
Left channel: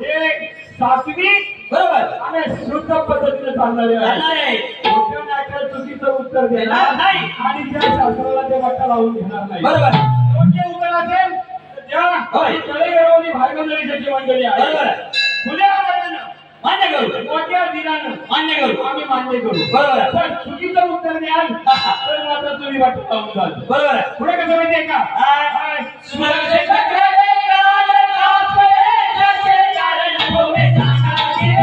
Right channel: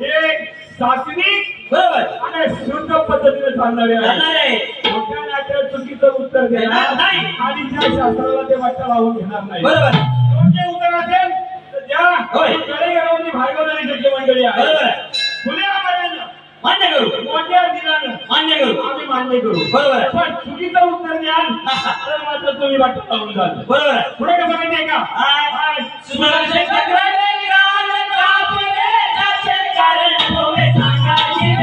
हे सात्विक बरोबर आणि शुद्ध पद्धतीने चालणारे जाणार आहे. मोठ्या नाट्यात चुकीचं उत्तर देणार नाही आणि त्या शास्त्राला ते वाटा लावून घेणार नाही. बरोबर. योग्य उत्तर असेल तर ज्या होय. कडेगावानी भार्गवनगरीची मंडळी आहे बरोबर. खुल्या आवाजानं मान्य करू. मोठ्या दिलानं मान्य करू. आम्ही मान्य करू. बरोबर. पण चुकीचं उत्तर द्याल तर मात्र तुम्ही वाटा लावून जाल. बरोबर आहे. पुढे कसं माहितीये का? सुदर्शन चक्राने कान कापले, त्याचे कारण होवे सांगावे.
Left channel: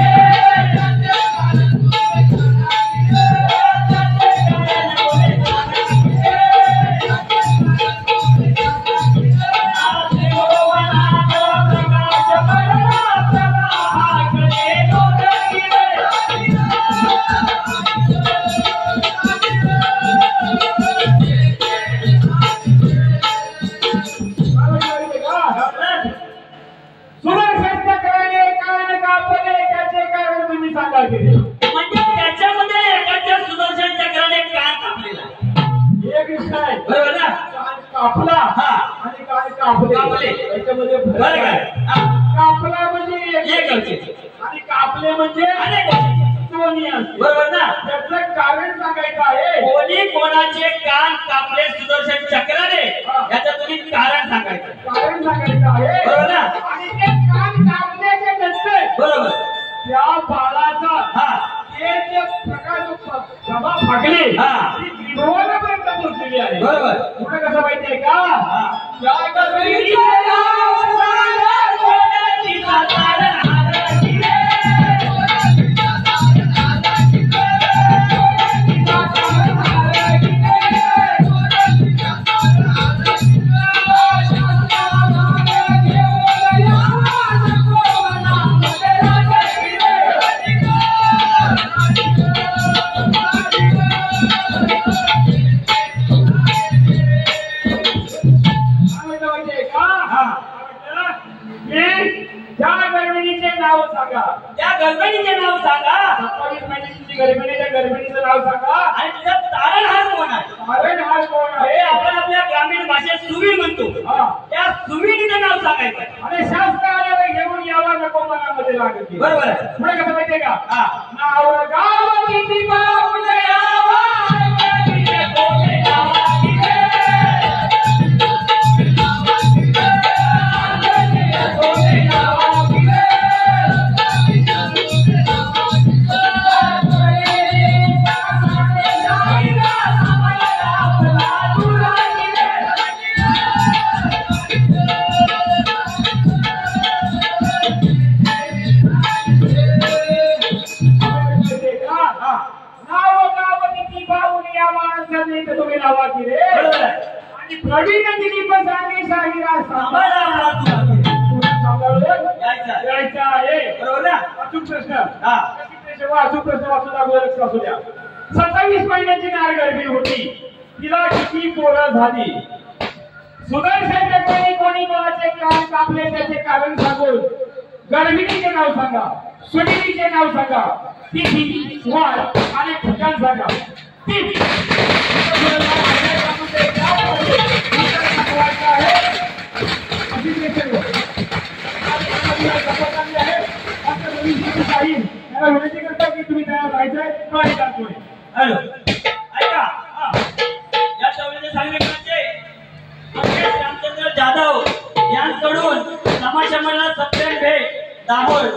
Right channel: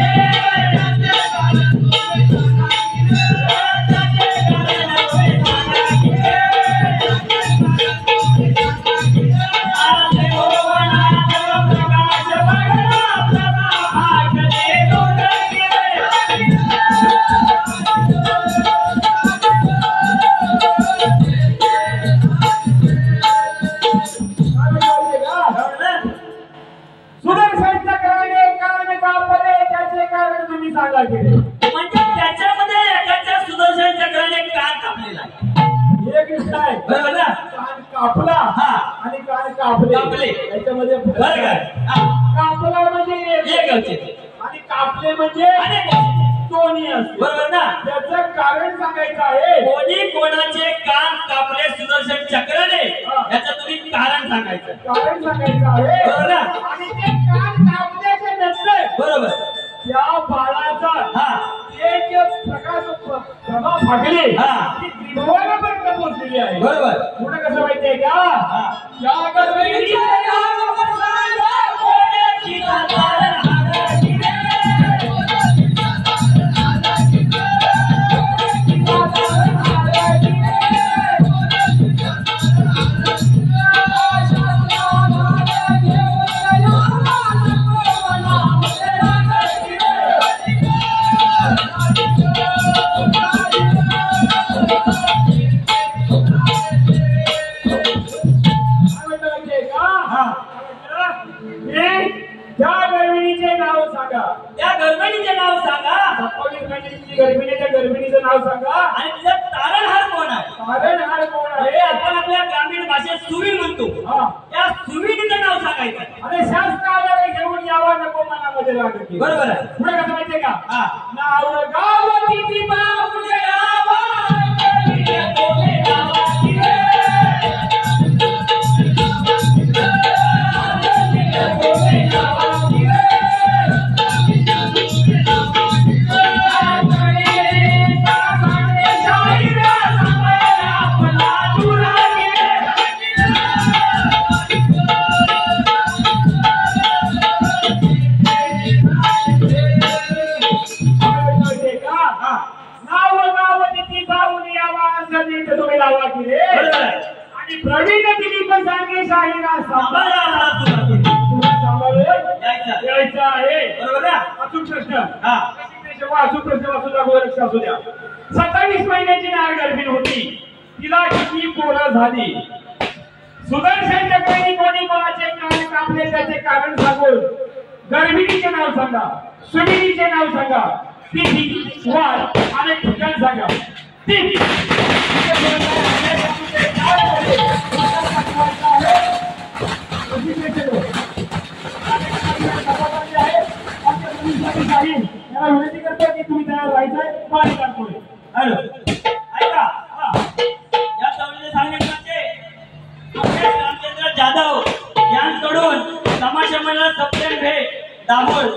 सुदर्शन चक्राने कान कापले, त्याचे कारण तुम्ही सांगा की रे. म्हणजे त्याच्यामध्ये एकाच्या सुदर्शन चक्राने कान कापलेला आहे. एक विषय आहे. बरोबर ना? कान कापला आणि कान कापले कापले. याच्यामध्ये फरक बरोबर आहे. आहे. कापला म्हणजे एक गवचे आणि कापले म्हणजे अनेक गवचे. दोन्ही असते. बरोबर ना? त्याचं कारण सांगायचं आहे. कोणी कोणाचे कान कापले सुदर्शन चक्राने याचं तुम्ही कारण सांगायचं. कारण सांगायचं आहे. बरोबर ना? आणि ते कान कापल्याच्या नंतर बरोबर. त्या बाळाचा ते जे प्रभा फाकली ती त्रिभुवनापर्यंत पोहोचलेली आहे. बरोबर. पुढे कसं माहितीये का? या गर्भीचे नाव सांगा, कोणाची सातार हादरली रे. त्या गर्भिणीचे नाव सांगा. त्या गर्भिणीचे नाव सांगा 27 महिन्याची गर्भिणी, त्या गर्भिणीचं नाव सांगा. आणि तिचा तारणहार कोण आहे? तारणहार कोण हे आहे? आपण आपल्या ग्रामीण भाषेत सुवीण म्हणतो. त्या सुवीणीचं नाव सांगायचं. आणि शास्त्राला घेऊन यावा नको मनामध्ये लागते. बरोबर आहे. पुढे कसं माहितीये का? नाव गाव किती माऊले आवा, कोणे नावा किती कोणे नावा सांभाळा आपला तुला तुला सांभाळून यायचं. यायचं आहे. बरोबर ना? अचूक प्रश्न. हा. अचूक प्रश्न वाचून दाखवा, लक्ष असू द्या. 27 महिन्याची नार गर्भी होती, तिला किती पोरं झाली? सुदर्शन चक्रवर्ती कोणी कोणाचे कान कापले त्याचे कारण सांगून गर्भिणीचे नाव सांगा, सुनीतीचे नाव सांगा, तिथी, वार आणि ठिकाण सांगा. तिथी. विनंती करता की तुम्ही तयार राहायचंय पाणी टाकतोय. हॅलो ऐका या चौलीचे सांगितले रामचंद्र जाधव यांकडून समाज मंडळ सप्टेंबर दाभोळ